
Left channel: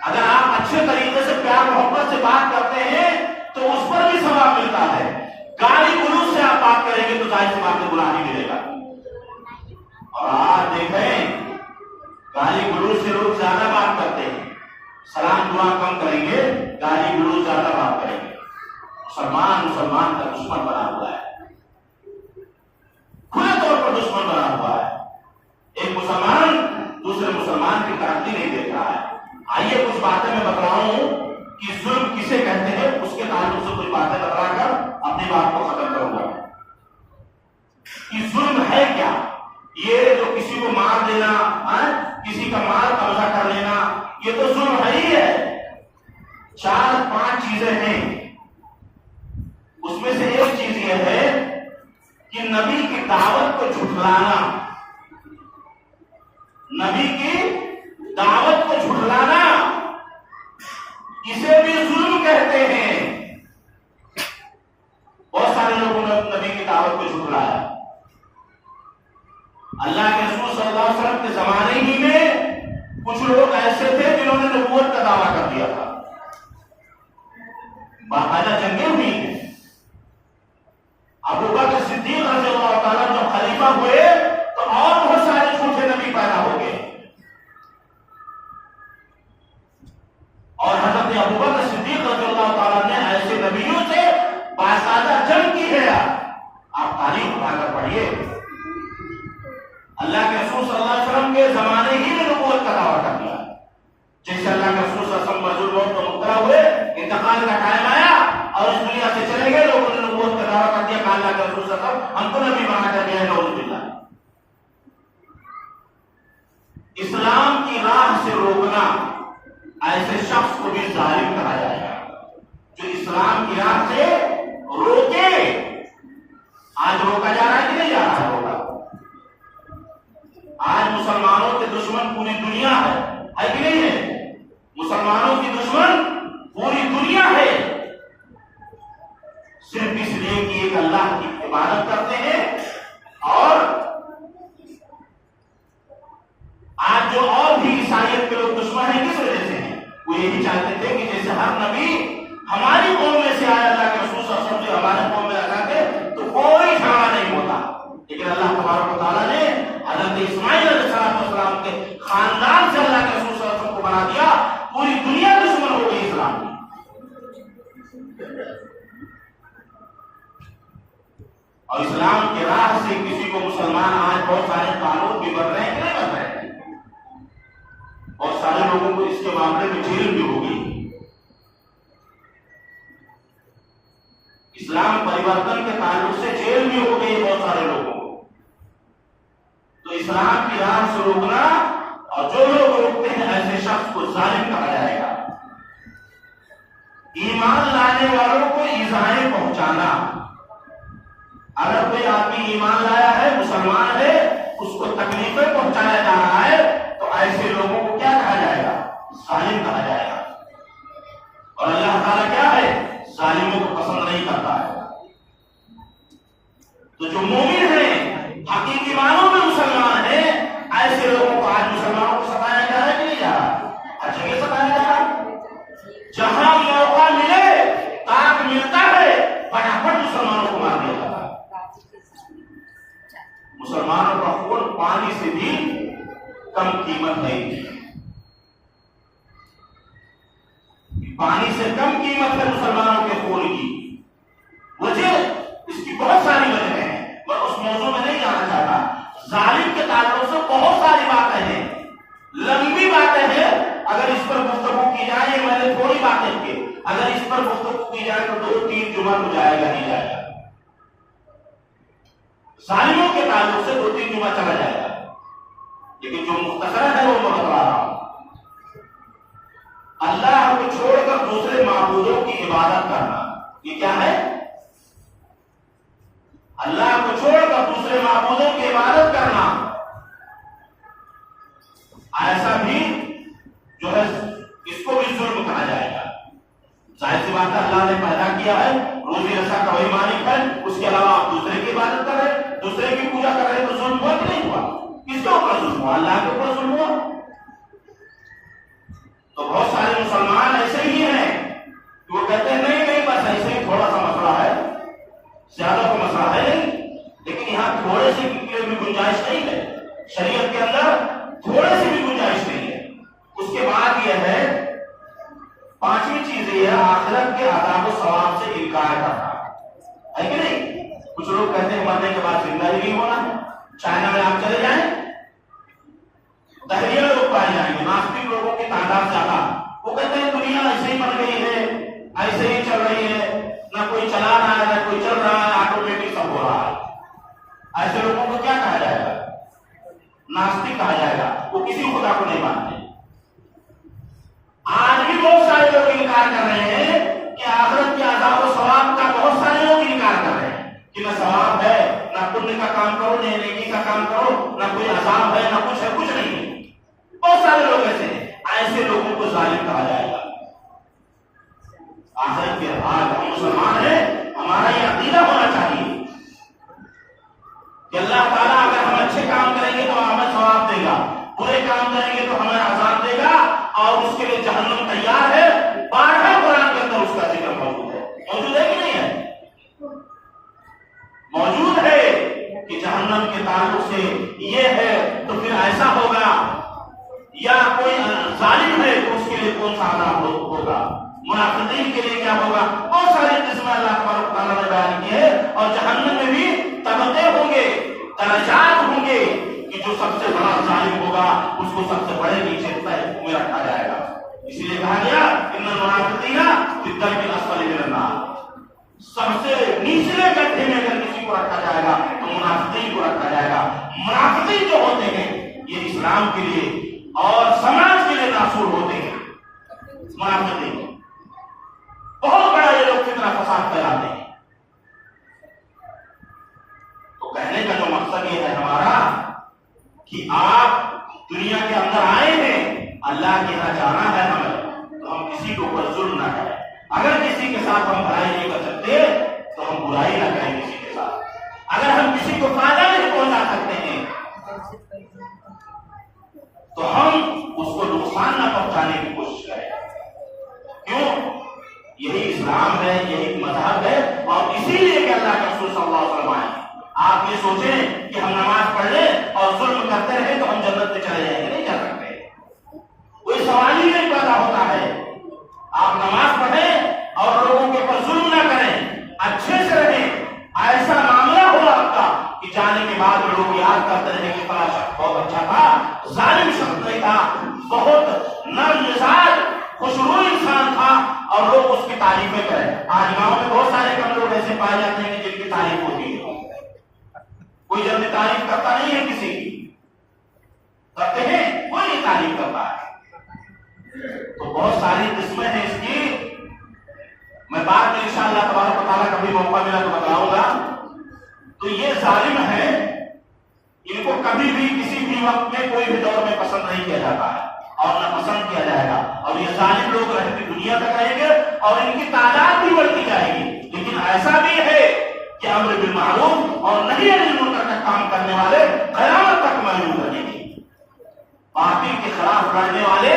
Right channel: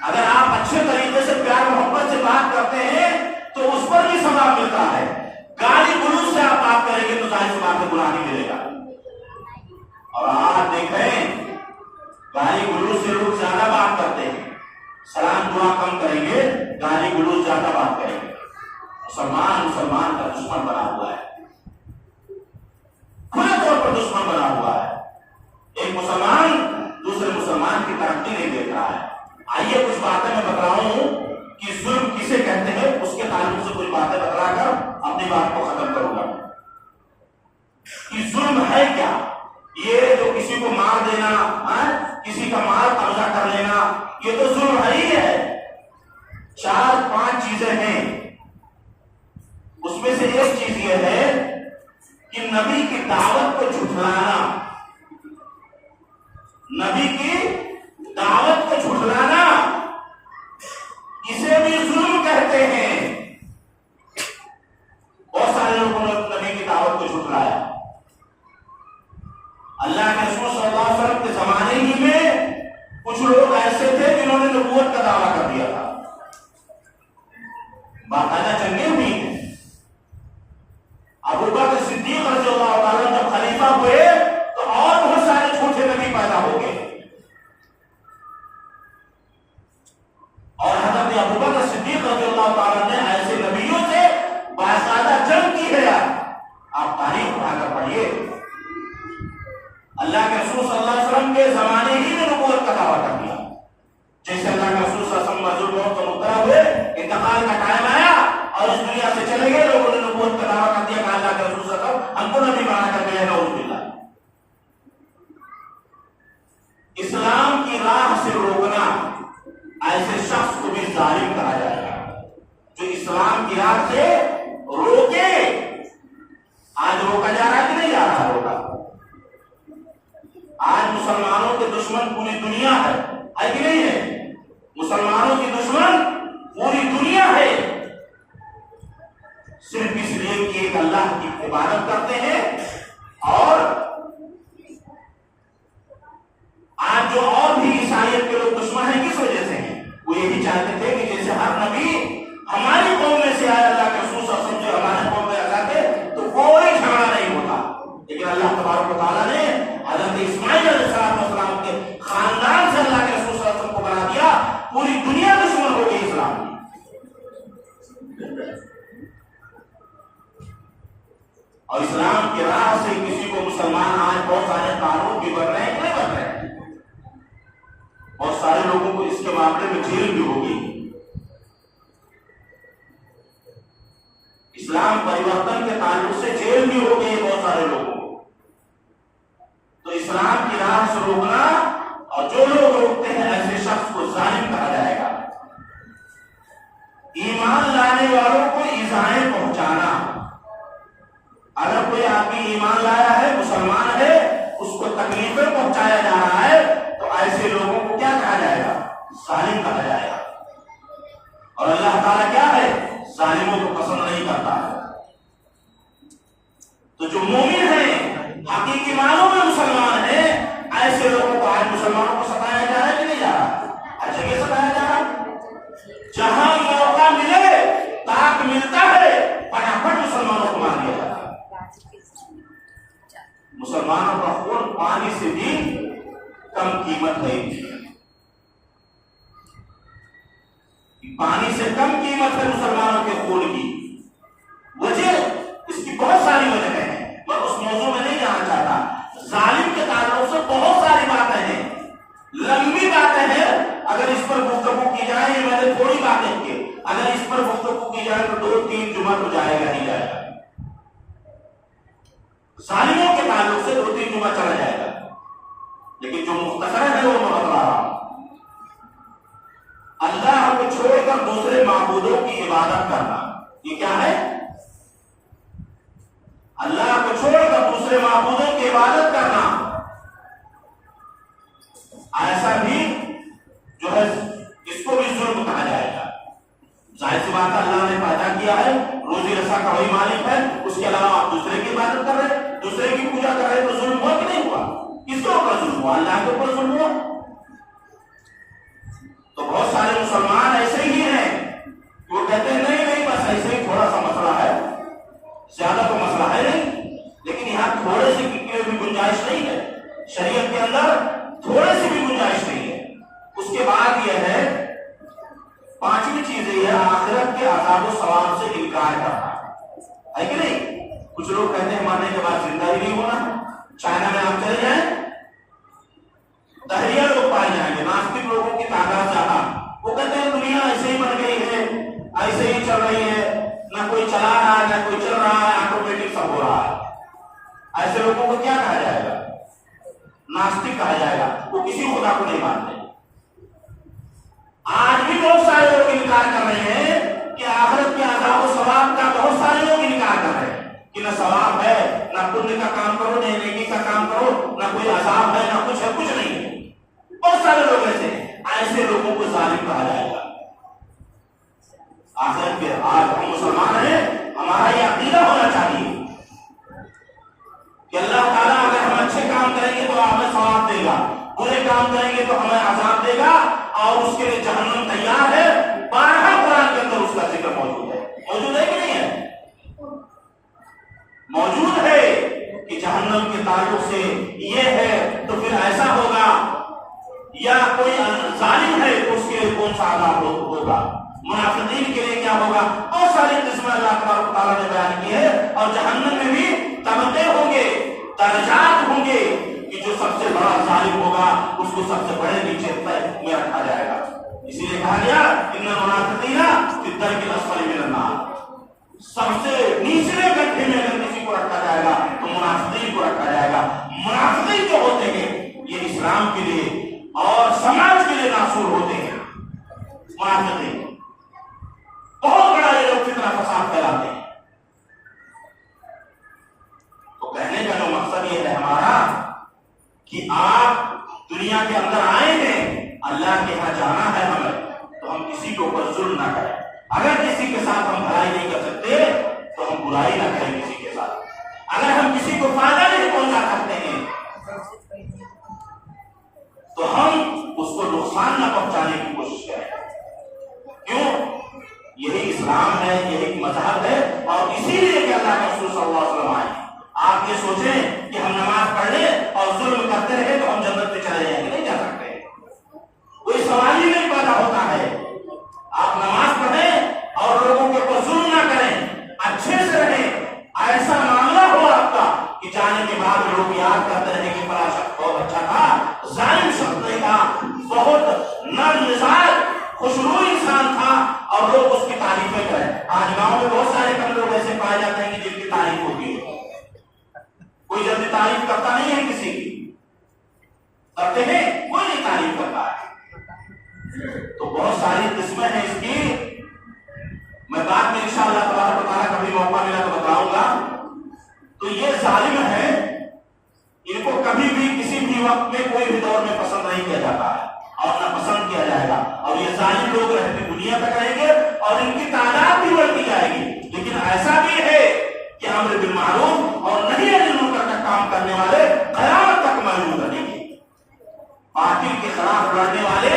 اگر آپ اچھے طریقے سے پیار محبت سے بات کرتے ہیں تو اس پر بھی ثواب ملتا ہے۔ گالی گلوچ سے آپ بات کریں گے تو ظاہر سی بات میں گناہ نہیں ملے گا۔ اور آج دیکھیں گالی گلوچ سے لوگ زیادہ بات کرتے ہیں، سلام دعا کم کریں گے، گالی گلوچ زیادہ بات کریں گے۔ مسلمان کا دشمن بنا ہوا ہے، کھلے طور پر دشمن بنا ہوا ہے۔ ایک مسلمان دوسرے مسلمان کی ترقی نہیں دیکھ رہا ہے۔ آئیے کچھ باتیں میں بتلاؤں کہ ظلم کسے کہتے ہیں، اس کے تعلق سے کچھ باتیں بتلا کر اپنی بات کو ختم کروں گا کہ ظلم ہے کیا۔ یہ جو کسی کو مار دینا، کسی کا مال قبضہ کر لینا، یہ تو ظلم ہے ہی ہے۔ 4-5 چیزیں ہیں میں سے ایک چیز یہ ہے کہ نبی کی دعوت کو جھٹلانا، نبی کی دعوت کو جھٹلانا، اسے بھی ظلم کہتے ہیں۔ بہت سارے لوگوں نے نبی کی دعوت کو جھٹلایا۔ اللہ کے رسول صلی اللہ علیہ وسلم کے زمانے ہی میں کچھ لوگ ایسے تھے جنہوں نے نبوت کا دعویٰ کر دیا تھا، باقاعدہ جنگیں ہوئی ہیں۔ ابو بکر صدیق رضی اللہ تعالیٰ جب خلیفہ ہوئے تو اور بہت سارے جھوٹے نبی پیدا ہو گئے، اور حضرت ابو بکر صدیق رضی اللہ تعالیٰ نے ایسے نبیوں سے باقاعدہ جنگ کی ہے۔ آپ تاریخ اٹھا کر پڑھیے، اللہ کے رسول صلی اللہ علیہ وسلم کے زمانے ہی میں نبوت کا دعویٰ کر دیا۔ جیسے اللہ کے رسول صلی اللہ علیہ وسلم مرضی الموت کو مبتلا ہوئے، انتقال کا ٹائم آیا اور اس دنیا سے چلے گئے، لوگوں نے نبوت کا دعویٰ کر دیا کہ اللہ کے رسول صلی اللہ علیہ وسلم ہم کو نبی بنا کر گئے، نعوذ باللہ۔ اسلام کی راہ سے روکنا، ایسے شخص کو بھی ظالم کہا جائے گا جو اسلام کی راہ سے روکے۔ آج روکا جا رہا ہے کہ نہیں جا رہا ہوگا؟ آج مسلمانوں کے دشمن پوری دنیا ہے کہ نہیں ہے؟ مسلمانوں کی دشمن پوری دنیا ہے، صرف اس لیے کہ ایک اللہ کی عبادت کرتے ہیں۔ اور آج جو اور بھی عیسائیت کے لوگ دشمن ہیں کس وجہ سے ہیں؟ وہ یہی چاہتے تھے کہ جیسے ہر نبی ہماری قوم میں سے آیا، اللہ کے رسول صلی اللہ علیہ وسلم جو ہمارے قوم میں آتے تو کوئی جھگڑا نہیں ہوتا، لیکن اللہ تبارک و تعالیٰ نے حضرت اسماعیل علیہ السلام کے خاندان سے اللہ کے رسول صلی اللہ علیہ وسلم کو بنا دیا، پوری دنیا دشمن ہو گئی اسلام کی۔ اور اسلام کی راہ سے کسی کو مسلمان آج بہت سارے قانون بھی بن رہے ہیں کہ نہیں بن رہے ہیں؟ بہت سارے لوگوں کو اس کے معاملے میں جیل بھی ہوگی۔ اسلام پریورتن کے تعلق سے جیل بھی ہو گئی بہت سارے لوگوں کو۔ تو اسلام کی راہ سے روکنا، اور جو لوگ روکتے ہیں ایسے شخص کو ظالم کہا جائے گا۔ ایمان لانے والوں کو ایذائیں پہنچانا، اگر کوئی آدمی ایمان لایا ہے، مسلمان ہے، اس کو تکلیفیں پہنچایا جا رہا ہے تو ایسے لوگوں کو کیا کہا جائے گا؟ ظالم کہا جائے گا۔ اور اللہ تعالیٰ کیا ہے؟ ظالموں کو پسند نہیں کرتا ہے۔ تو جو مومن ہیں، حقیقی معنوں میں مسلمان ہیں، ایسے لوگوں کو آج مسلمانوں کو ستایا جا رہا ہے کہ نہیں جا رہا؟ ہر جگہ ستایا جا رہا ہے۔ جہاں موقع ملے، طاق ملتا ہے، فٹافٹ مسلمانوں کو مار دیا جاتا ہے۔ مسلمانوں کا خون پانی سے بھی کم قیمت ہے، پانی سے کم قیمت ہے مسلمانوں کے خون کی۔ وجہ اس کی بہت ساری وجہ ہیں، میں اس موضوع میں نہیں جانا چاہتا۔ ظالم کے تعلق سے بہت ساری باتیں ہیں، لمبی باتیں ہیں، اگر اس پر گفتگو کی جائے، میں نے تھوڑی باتیں کی، اگر اس پر گفتگو کی جائے تو 2-3 جمعہ تو جائے گا نہیں جائے گا۔ ظالموں کے تعلق سے 2-3 جمعہ چلا جائے گا، لیکن جو مختصر ہے وہ میں بتلا رہا ہوں۔ اللہ کو چھوڑ کر دوسرے معبودوں کی عبادت کرنا، یہ کیا ہے؟ اللہ کو چھوڑ کر دوسرے معبودوں کی عبادت کرنا، ایسا بھی جو ہے اس کو بھی ظلم کہا جائے گا۔ ظاہر سی بات ہے، اللہ نے پیدا کیا ہے، روزی رسا کا وہی مالک ہے، اس کے علاوہ آپ دوسرے کی عبادت کر رہے ہیں، دوسرے کی پوجا کر رہے ہیں، تو ظلم ہوا کہ نہیں ہوا؟ کس کے اوپر ظلم ہوا؟ اللہ کے اوپر ظلم ہوا۔ تو بہت سارے مسلمان ایسے ہی ہیں کہ وہ کہتے ہیں نہیں نہیں بس ایسے ہی تھوڑا سا مسئلہ ہے، زیادہ کوئی مسئلہ ہے نہیں، لیکن یہاں تھوڑے سی بھی گنجائش نہیں ہے، شریعت کے اندر تھوڑے سی بھی گنجائش نہیں ہے۔ اس کے بعد یہ ہے، 5ویں چیز یہ ہے آخرت کے عذاب و ثواب سے انکار کرنا، ہے کہ نہیں؟ کچھ لوگ کہتے ہیں مرنے کے بعد زندہ ہی نہیں ہونا۔ چائنا میں آپ چلے جائیں، دہریہ لوگ پائے جائیں گے، ناستک لوگوں کی تعداد زیادہ، وہ کہتے ہیں دنیا ایسے ہی بن گئی ہے، ایسے ہی چل رہی ہے، نہ کوئی چلا رہا ہے نہ کوئی چل رہا ہے، آٹومیٹک سب ہو رہا ہے۔ ایسے لوگوں کو کیا کہا جائے گا؟ ناستک کہا جائے گا، وہ کسی خدا کو نہیں مانتے۔ آج بھی بہت سارے لوگ انکار کر رہے ہیں کہ آخرت کے عذاب و ثواب کا، بہت سارے لوگ انکار کہ نہ ثواب ہے، نہ پنیہ کا کام کرو، نہ نیکی کا کام کرو، نہ کوئی عذاب ہے، نہ کچھ ہے، کچھ نہیں ہے۔ بہت سارے لوگ ایسے لوگوں کو ظالم کہا جائے گا۔ آخرت کے آج ہم مسلمان ہیں، ہمارا یہ عقیدہ ہونا چاہیے کہ اللہ تعالیٰ اگر ہم اچھے کام کریں گے تو ہمیں ثواب دے گا، برے کام کریں گے تو ہمیں عذاب دے گا، اور اس کے لیے جہنم تیار ہے۔ بارہا قرآن کے اندر اس کا ذکر موجود ہے۔ موجود ہے کہ نہیں ہے؟ موجود ہے کہ جہنم کے تعلق سے یہ ہے، تو پھر ایسا ہوگا، یا کوئی ظالم ہے تو اس کے لیے کون سا عذاب ہوگا، منافقین کے لیے کیا ہوگا، بہت ساری قسمیں اللہ تبارک و تعالیٰ نے بیان کی ہے۔ اور جہنم میں بھی طبقے ہوں گے، درجات ہوں گے، کہ جو سب سے بڑا ظالم ہوگا اس کو سب سے بڑے نیچے میں رکھا جائے گا۔ اسی لیے کہا گیا ان المنافقین فی الدرک الاسفل من النار، سب سے نچلے گڈھے میں اگر کسی کو رکھا جائے گا تو منافقین کو رکھا جائے گا۔ منافقین جو ہوتے ہیں یہ اسلام کے لیے اور سماج کے لیے ناصور ہوتے ہیں۔ منافقین بہت بڑا یہ لوگ فتنہ فساد پھیلاتے ہیں۔ تو کہنے کا جو مقصد یہ ہے ہمارا کہ آپ دنیا کے اندر آئے ہیں، اللہ کے یہاں جانا ہے ہمیں، تو ہم کسی کے اوپر ظلم نہ کریں۔ اگر کسی کے ساتھ ہم بھلائی نہیں کر سکتے تو ہم برائی نہ کریں کسی کے ساتھ۔ اگر ہم کسی کو فائدہ نہیں پہنچا سکتے ہیں تو ہم اس کو نقصان نہ پہنچانے کی کوشش کریں۔ کیوں؟ یہی اسلام ہے، یہی مذہب ہے، اور اسی لیے کہ اللہ کے رسول صلی اللہ علیہ وسلم آئے۔ آپ یہ سوچیں کہ ہم نماز پڑھ لیں اور ظلم کرتے رہے تو ہم جنت میں چلے جائیں گے، نہیں جا سکتے، کوئی سوال ہی نہیں پیدا ہوتا ہے۔ آپ نماز پڑھیں اور لوگوں کے اوپر ظلم نہ کریں، اچھے سے رہیں، ایسا معاملہ ہو آپ کا کہ جانے کے بعد وہ لوگ یاد کرتے رہے کہ فلاں شخص بہت اچھا تھا، ظالم شخص نہیں تھا، بہت نرم مزاج خوشرو انسان تھا، اور لوگ اس کی تعریفیں کریں۔ آج گاؤں میں بہت سارے کم لوگ ایسے پائے جاتے ہیں کہ جن کی تعریف ہوگی، کوئی جلدی تعریف کرتا نہیں ہے، کسی کی کرتے ہیں، کوئی نہیں تعریف کرتا ہے۔ تو بہت ساری قسمیں ہیں اس کی، میں بعد میں انشاءاللہ تبارک و تعالیٰ کبھی موقع ملا تو بتاؤں گا۔ تو یہ ظالم ہے، ان کو کبھی بھی کسی بھی وقت میں کوئی بھی دور میں پسند نہیں کیا جاتا ہے اور نہ پسند کیا جائے گا، اور یہ ظالم لوگ رہتے دنیا تک رہیں گے اور ان کی تعداد بھی بڑھتی جائے گی۔ لیکن ایسا بھی ہے کہ امر بالمعروف اور نہی عن المنکر کا کام کرنے والے قیامت تک موجود رہیں گے۔ باطل کے خلاف لڑنے والے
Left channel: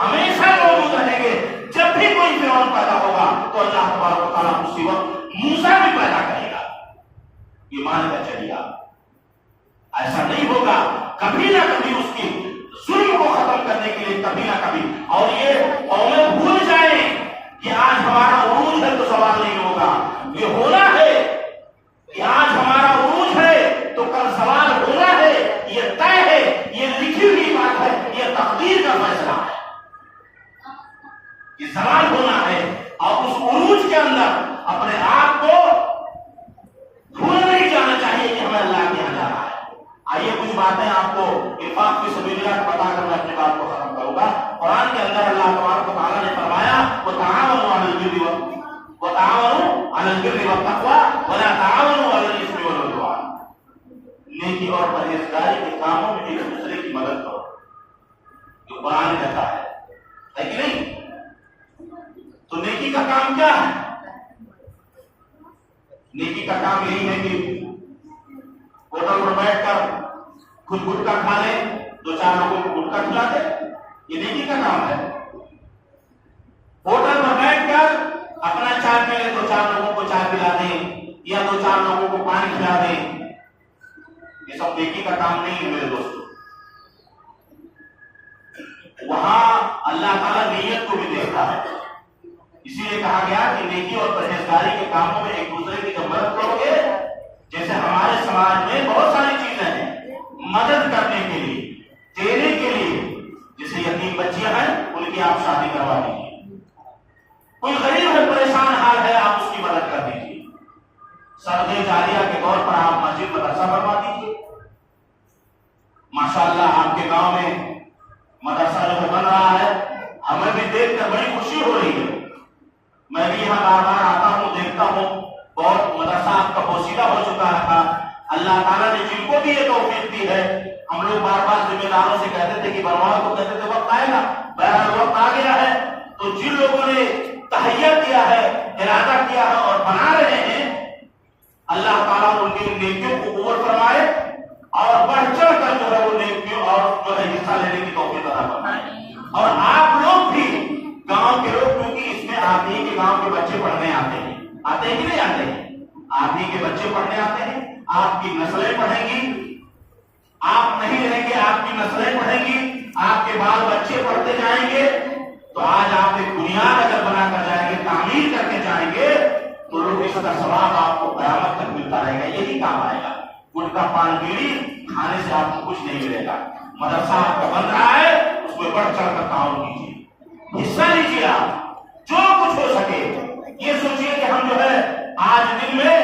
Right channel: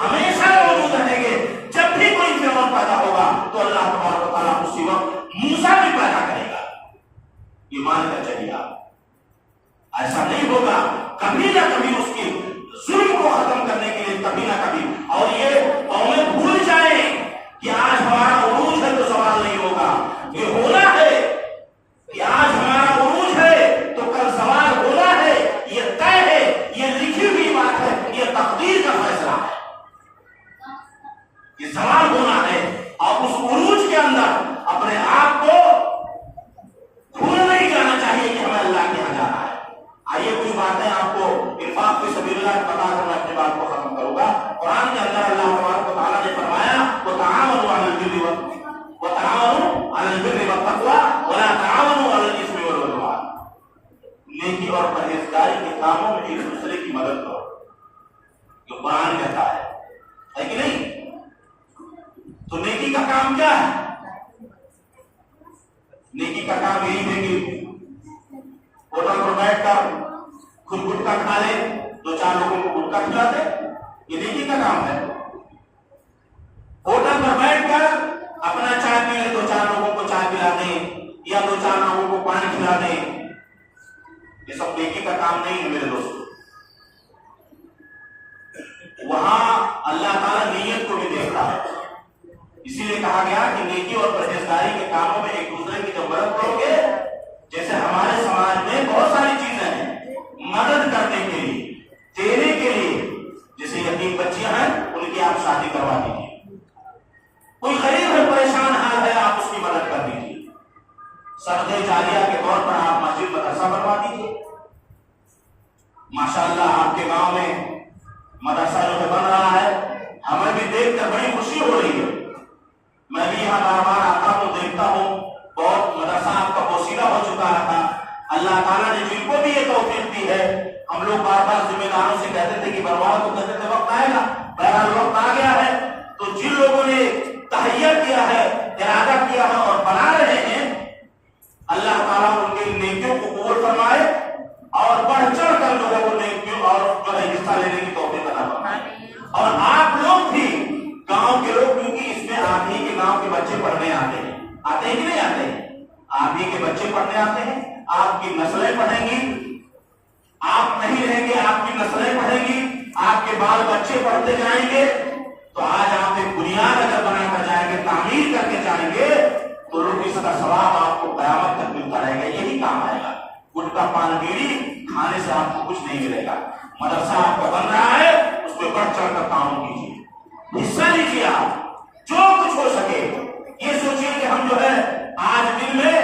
ہمیشہ موجود رہیں گے۔ جب بھی کوئی فرعون پیدا ہوگا تو اللہ تبارک و تعالیٰ اسی وقت موسیٰ بھی پیدا کرے گا، یہ مان کر چلیے آپ۔ ایسا نہیں ہوگا، کبھی نہ کبھی اس کی ظلم کو ختم کرنے کے لیے کبھی نہ کبھی، اور یہ قومیں بھول جائیں کہ آج ہمارا عروج ہے تو سوال نہیں ہوگا، یہ ہونا ہے کہ آج ہمارا عروج ہے تو کل سوال ہونا ہے، یہ طے ہے، یہ لکھی ہوئی بات ہے، یہ تقدیر کا فیصلہ ہے، یہ سوال ہونا ہے۔ اور اس عروج کے اندر اپنے آپ کو بھول نہیں جانا چاہیے کہ ہمیں اللہ کے یہاں جانا ہے۔ آئیے کچھ باتیں آپ کو انفاق فی سبیل اللہ بتا کر میں اپنی بات کو ختم کروں گا۔ قرآن کے اندر اللہ تبارک و تعالیٰ نے فرمایا وَتَعَاوَنُوا عَلَى الْبِرِّ وَالتَّقْوَىٰ وَلَا تَعَاوَنُوا عَلَى الْإِثْمِ وَالْعُدْوَانِ، نیکی اور پرہیزگاری کے کاموں میں ایک دوسرے کی مدد کرو، یہ قرآن کہتا ہے کہ نہیں؟ تو نیکی کا کام کیا ہے؟ نیکی کا کام یہی ہے کہ ہوٹل پر بیٹھ کر خود گٹکا کھا لے، دو چار لوگوں کو گٹکا کھلا دے، یہ نیکی کا کام ہے۔ ہوٹل پر بیٹھ کر اپنا چائے پی لے، دو چار لوگوں کو چائے پلا دیں، یا دو چار لوگوں کو پانی کھلا دیں، یہ سب نیکی کا کام نہیں ہے میرے دوستو۔ وہاں اللہ تعالیٰ نیت کو بھی دیکھتا ہے، اسی لیے کہا گیا کہ نیکی اور پرہیزگاری کے کاموں میں ایک دوسرے کی جب مدد کرو گے، جیسے ہمارے سماج میں بہت ساری چیزیں ہیں مدد کرنے کے لیے، دینے کے لیے، جیسے یتیم بچیاں ہیں ان کی آپ شادی کروا دیجیے، کوئی غریب ہے پریشان حال ہے آپ اس کی مدد کر دیجیے، صدقہ جاریہ کے طور پر آپ مسجد مدرسہ بنوا دیجیے۔ ماشاءاللہ آپ کے گاؤں میں مدرسہ جو بن رہا ہے، ہمیں بھی دیکھ کر بڑی خوشی ہو رہی ہے، میں بھی یہاں بار بار آتا ہوں، دیکھتا ہوں، بہت مدرسہ آپ کا پوشیدہ ہو اللہ تعالیٰ نے جن کو بھی یہ توفیق دی ہے، ہم لوگ بار بار ذمہ داروں سے کہتے تھے کہ بنواؤ، تو کہتے تھے وقت آئے گا، بہرحال وقت آ گیا ہے۔ تو جن لوگوں نے تہیہ کیا ہے، ارادہ کیا ہے اور بنا رہے ہیں، اللہ تعالیٰ ان کے نیکیوں کو قبول فرمائے اور بڑھ چڑھ کر جو ہے وہ نیکیوں اور جو ہے حصہ لینے کی توفیق عطا فرمائے۔ اور آپ لوگ بھی گاؤں کے لوگ، کیونکہ اس میں آپ ہی کے گاؤں کے بچے پڑھنے آتے ہیں کہ نہیں آتے ہیں؟ آپ ہی کے بچے پڑھنے آتے ہیں، آپ کی نسلیں پڑھیں گی، آپ نہیں رہیں گے، آپ کی نسلیں پڑھیں گی، آپ کے بال بچے پڑھتے جائیں گے۔ تو آج آپ ایک بنیاد اگر بنا کر جائیں گے، تعمیر کر کے جائیں گے، تو اس کا ثواب آپ کو قیامت تک ملتا رہے گا، یہی کام آئے گا۔ گٹکا پان بیڑی کھانے سے آپ کو کچھ نہیں ملے گا۔ مدرسہ آپ کا بن رہا ہے، اس میں بڑھ چڑھ کر تعاون کیجیے، حصہ لیجیے، آپ جو کچھ ہو سکے۔ یہ سوچیے کہ ہم جو ہے آج دن میں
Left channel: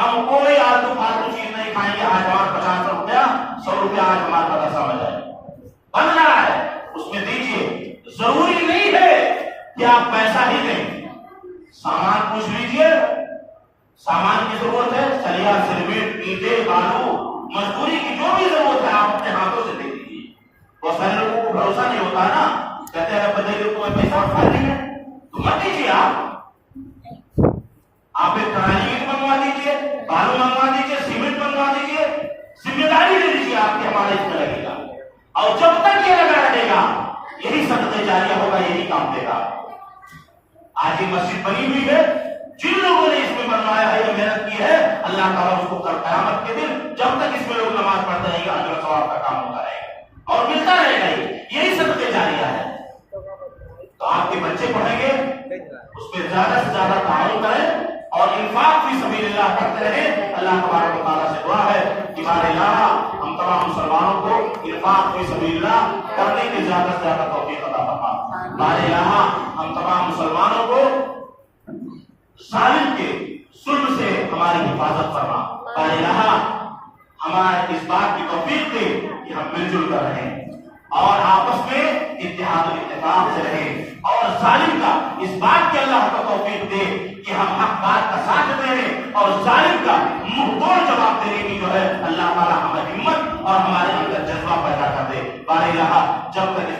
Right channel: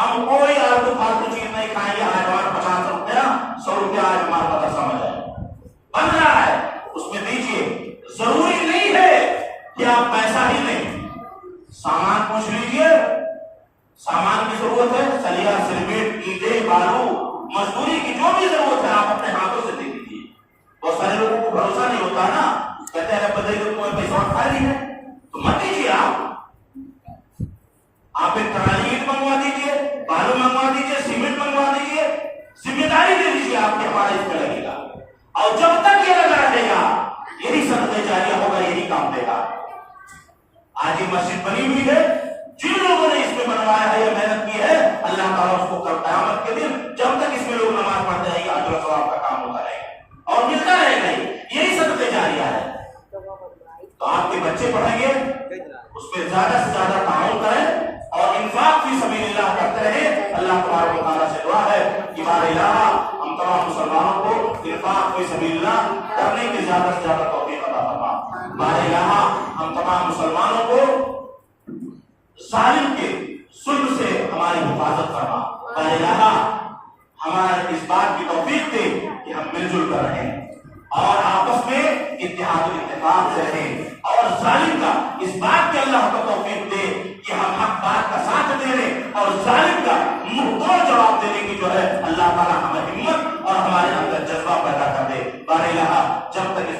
ہم کوئی آلتو فالتو چیز نہیں کھائیں گے، آج ہمارا 50 روپیہ 100 روپیہ آج ہمارا مدرسہ میں جائے بن رہا ہے، اس میں دیجیے۔ ضروری نہیں ہے کہ آپ پیسہ ہی دیں، سامان پوچھ لیجیے، سامان کی ضرورت ہے، سلیا سیمنٹ اینٹیں بالو مزدوری کی جو بھی ضرورت ہے آپ اپنے ہاتھوں سے دے دیجیے۔ بہت سارے لوگوں کو بھروسہ نہیں ہوتا نا، کہتے ہیں بدلے کو پیسہ خالی ہے تو مت دیجیے، آپ ایک ٹرالی اینٹ منگوا دیجیے، بالو منگوا دیجیے، سیمنٹ منگوا دیجیے، ذمہ داری دے دیجیے آپ کے ہمارے اس کا لگے گا، اور جب تک یہ لگا رہے گا یہی صدقہ جاریہ ہوگا، یہی کام دے گا۔ آج یہ مسجد بنی ہوئی ہے، جن لوگوں نے اس میں بنوایا ہے یا محنت کی ہے، اللہ تعالیٰ اس کو کل قیامت کے دن جب تک اس میں لوگ نماز پڑھتے رہیں گے، اجر و ثواب کا کام ہوتا رہے گا اور ملتا رہے گا، یہی صدقہ جاریہ ہے۔ تو آپ کے بچے پڑھیں گے، اس میں زیادہ سے زیادہ تعاون کریں اور انفاق فی سبیل اللہ کرتے رہیں۔ اللہ تبارک و تعالیٰ سے دعا ہے کہ بار الہ ہم تمام مسلمانوں کو انفاق فی سبیل اللہ کرنے کی زیادہ سے زیادہ توفیق عطا فرما۔ بار الہ ہم تمام مسلمانوں کو ظالم کے ظلم سے ہماری حفاظت فرما۔ بار الہ ہمارے اس بات کی توفیق دے کہ ہم مل جل کر رہیں اور آپس میں اتحاد و اتفاق سے رہیں، اور ظالم کا اس بات کی اللہ کو توفیق دے کہ ہم حق بات کا ساتھ دے رہے اور ظالم کا منہ توڑ جواب دینے کی جو ہے اللہ تعالیٰ ہمیں ہمت اور ہمارے اندر جذبہ پیدا کر دے۔ بار الہ جب تک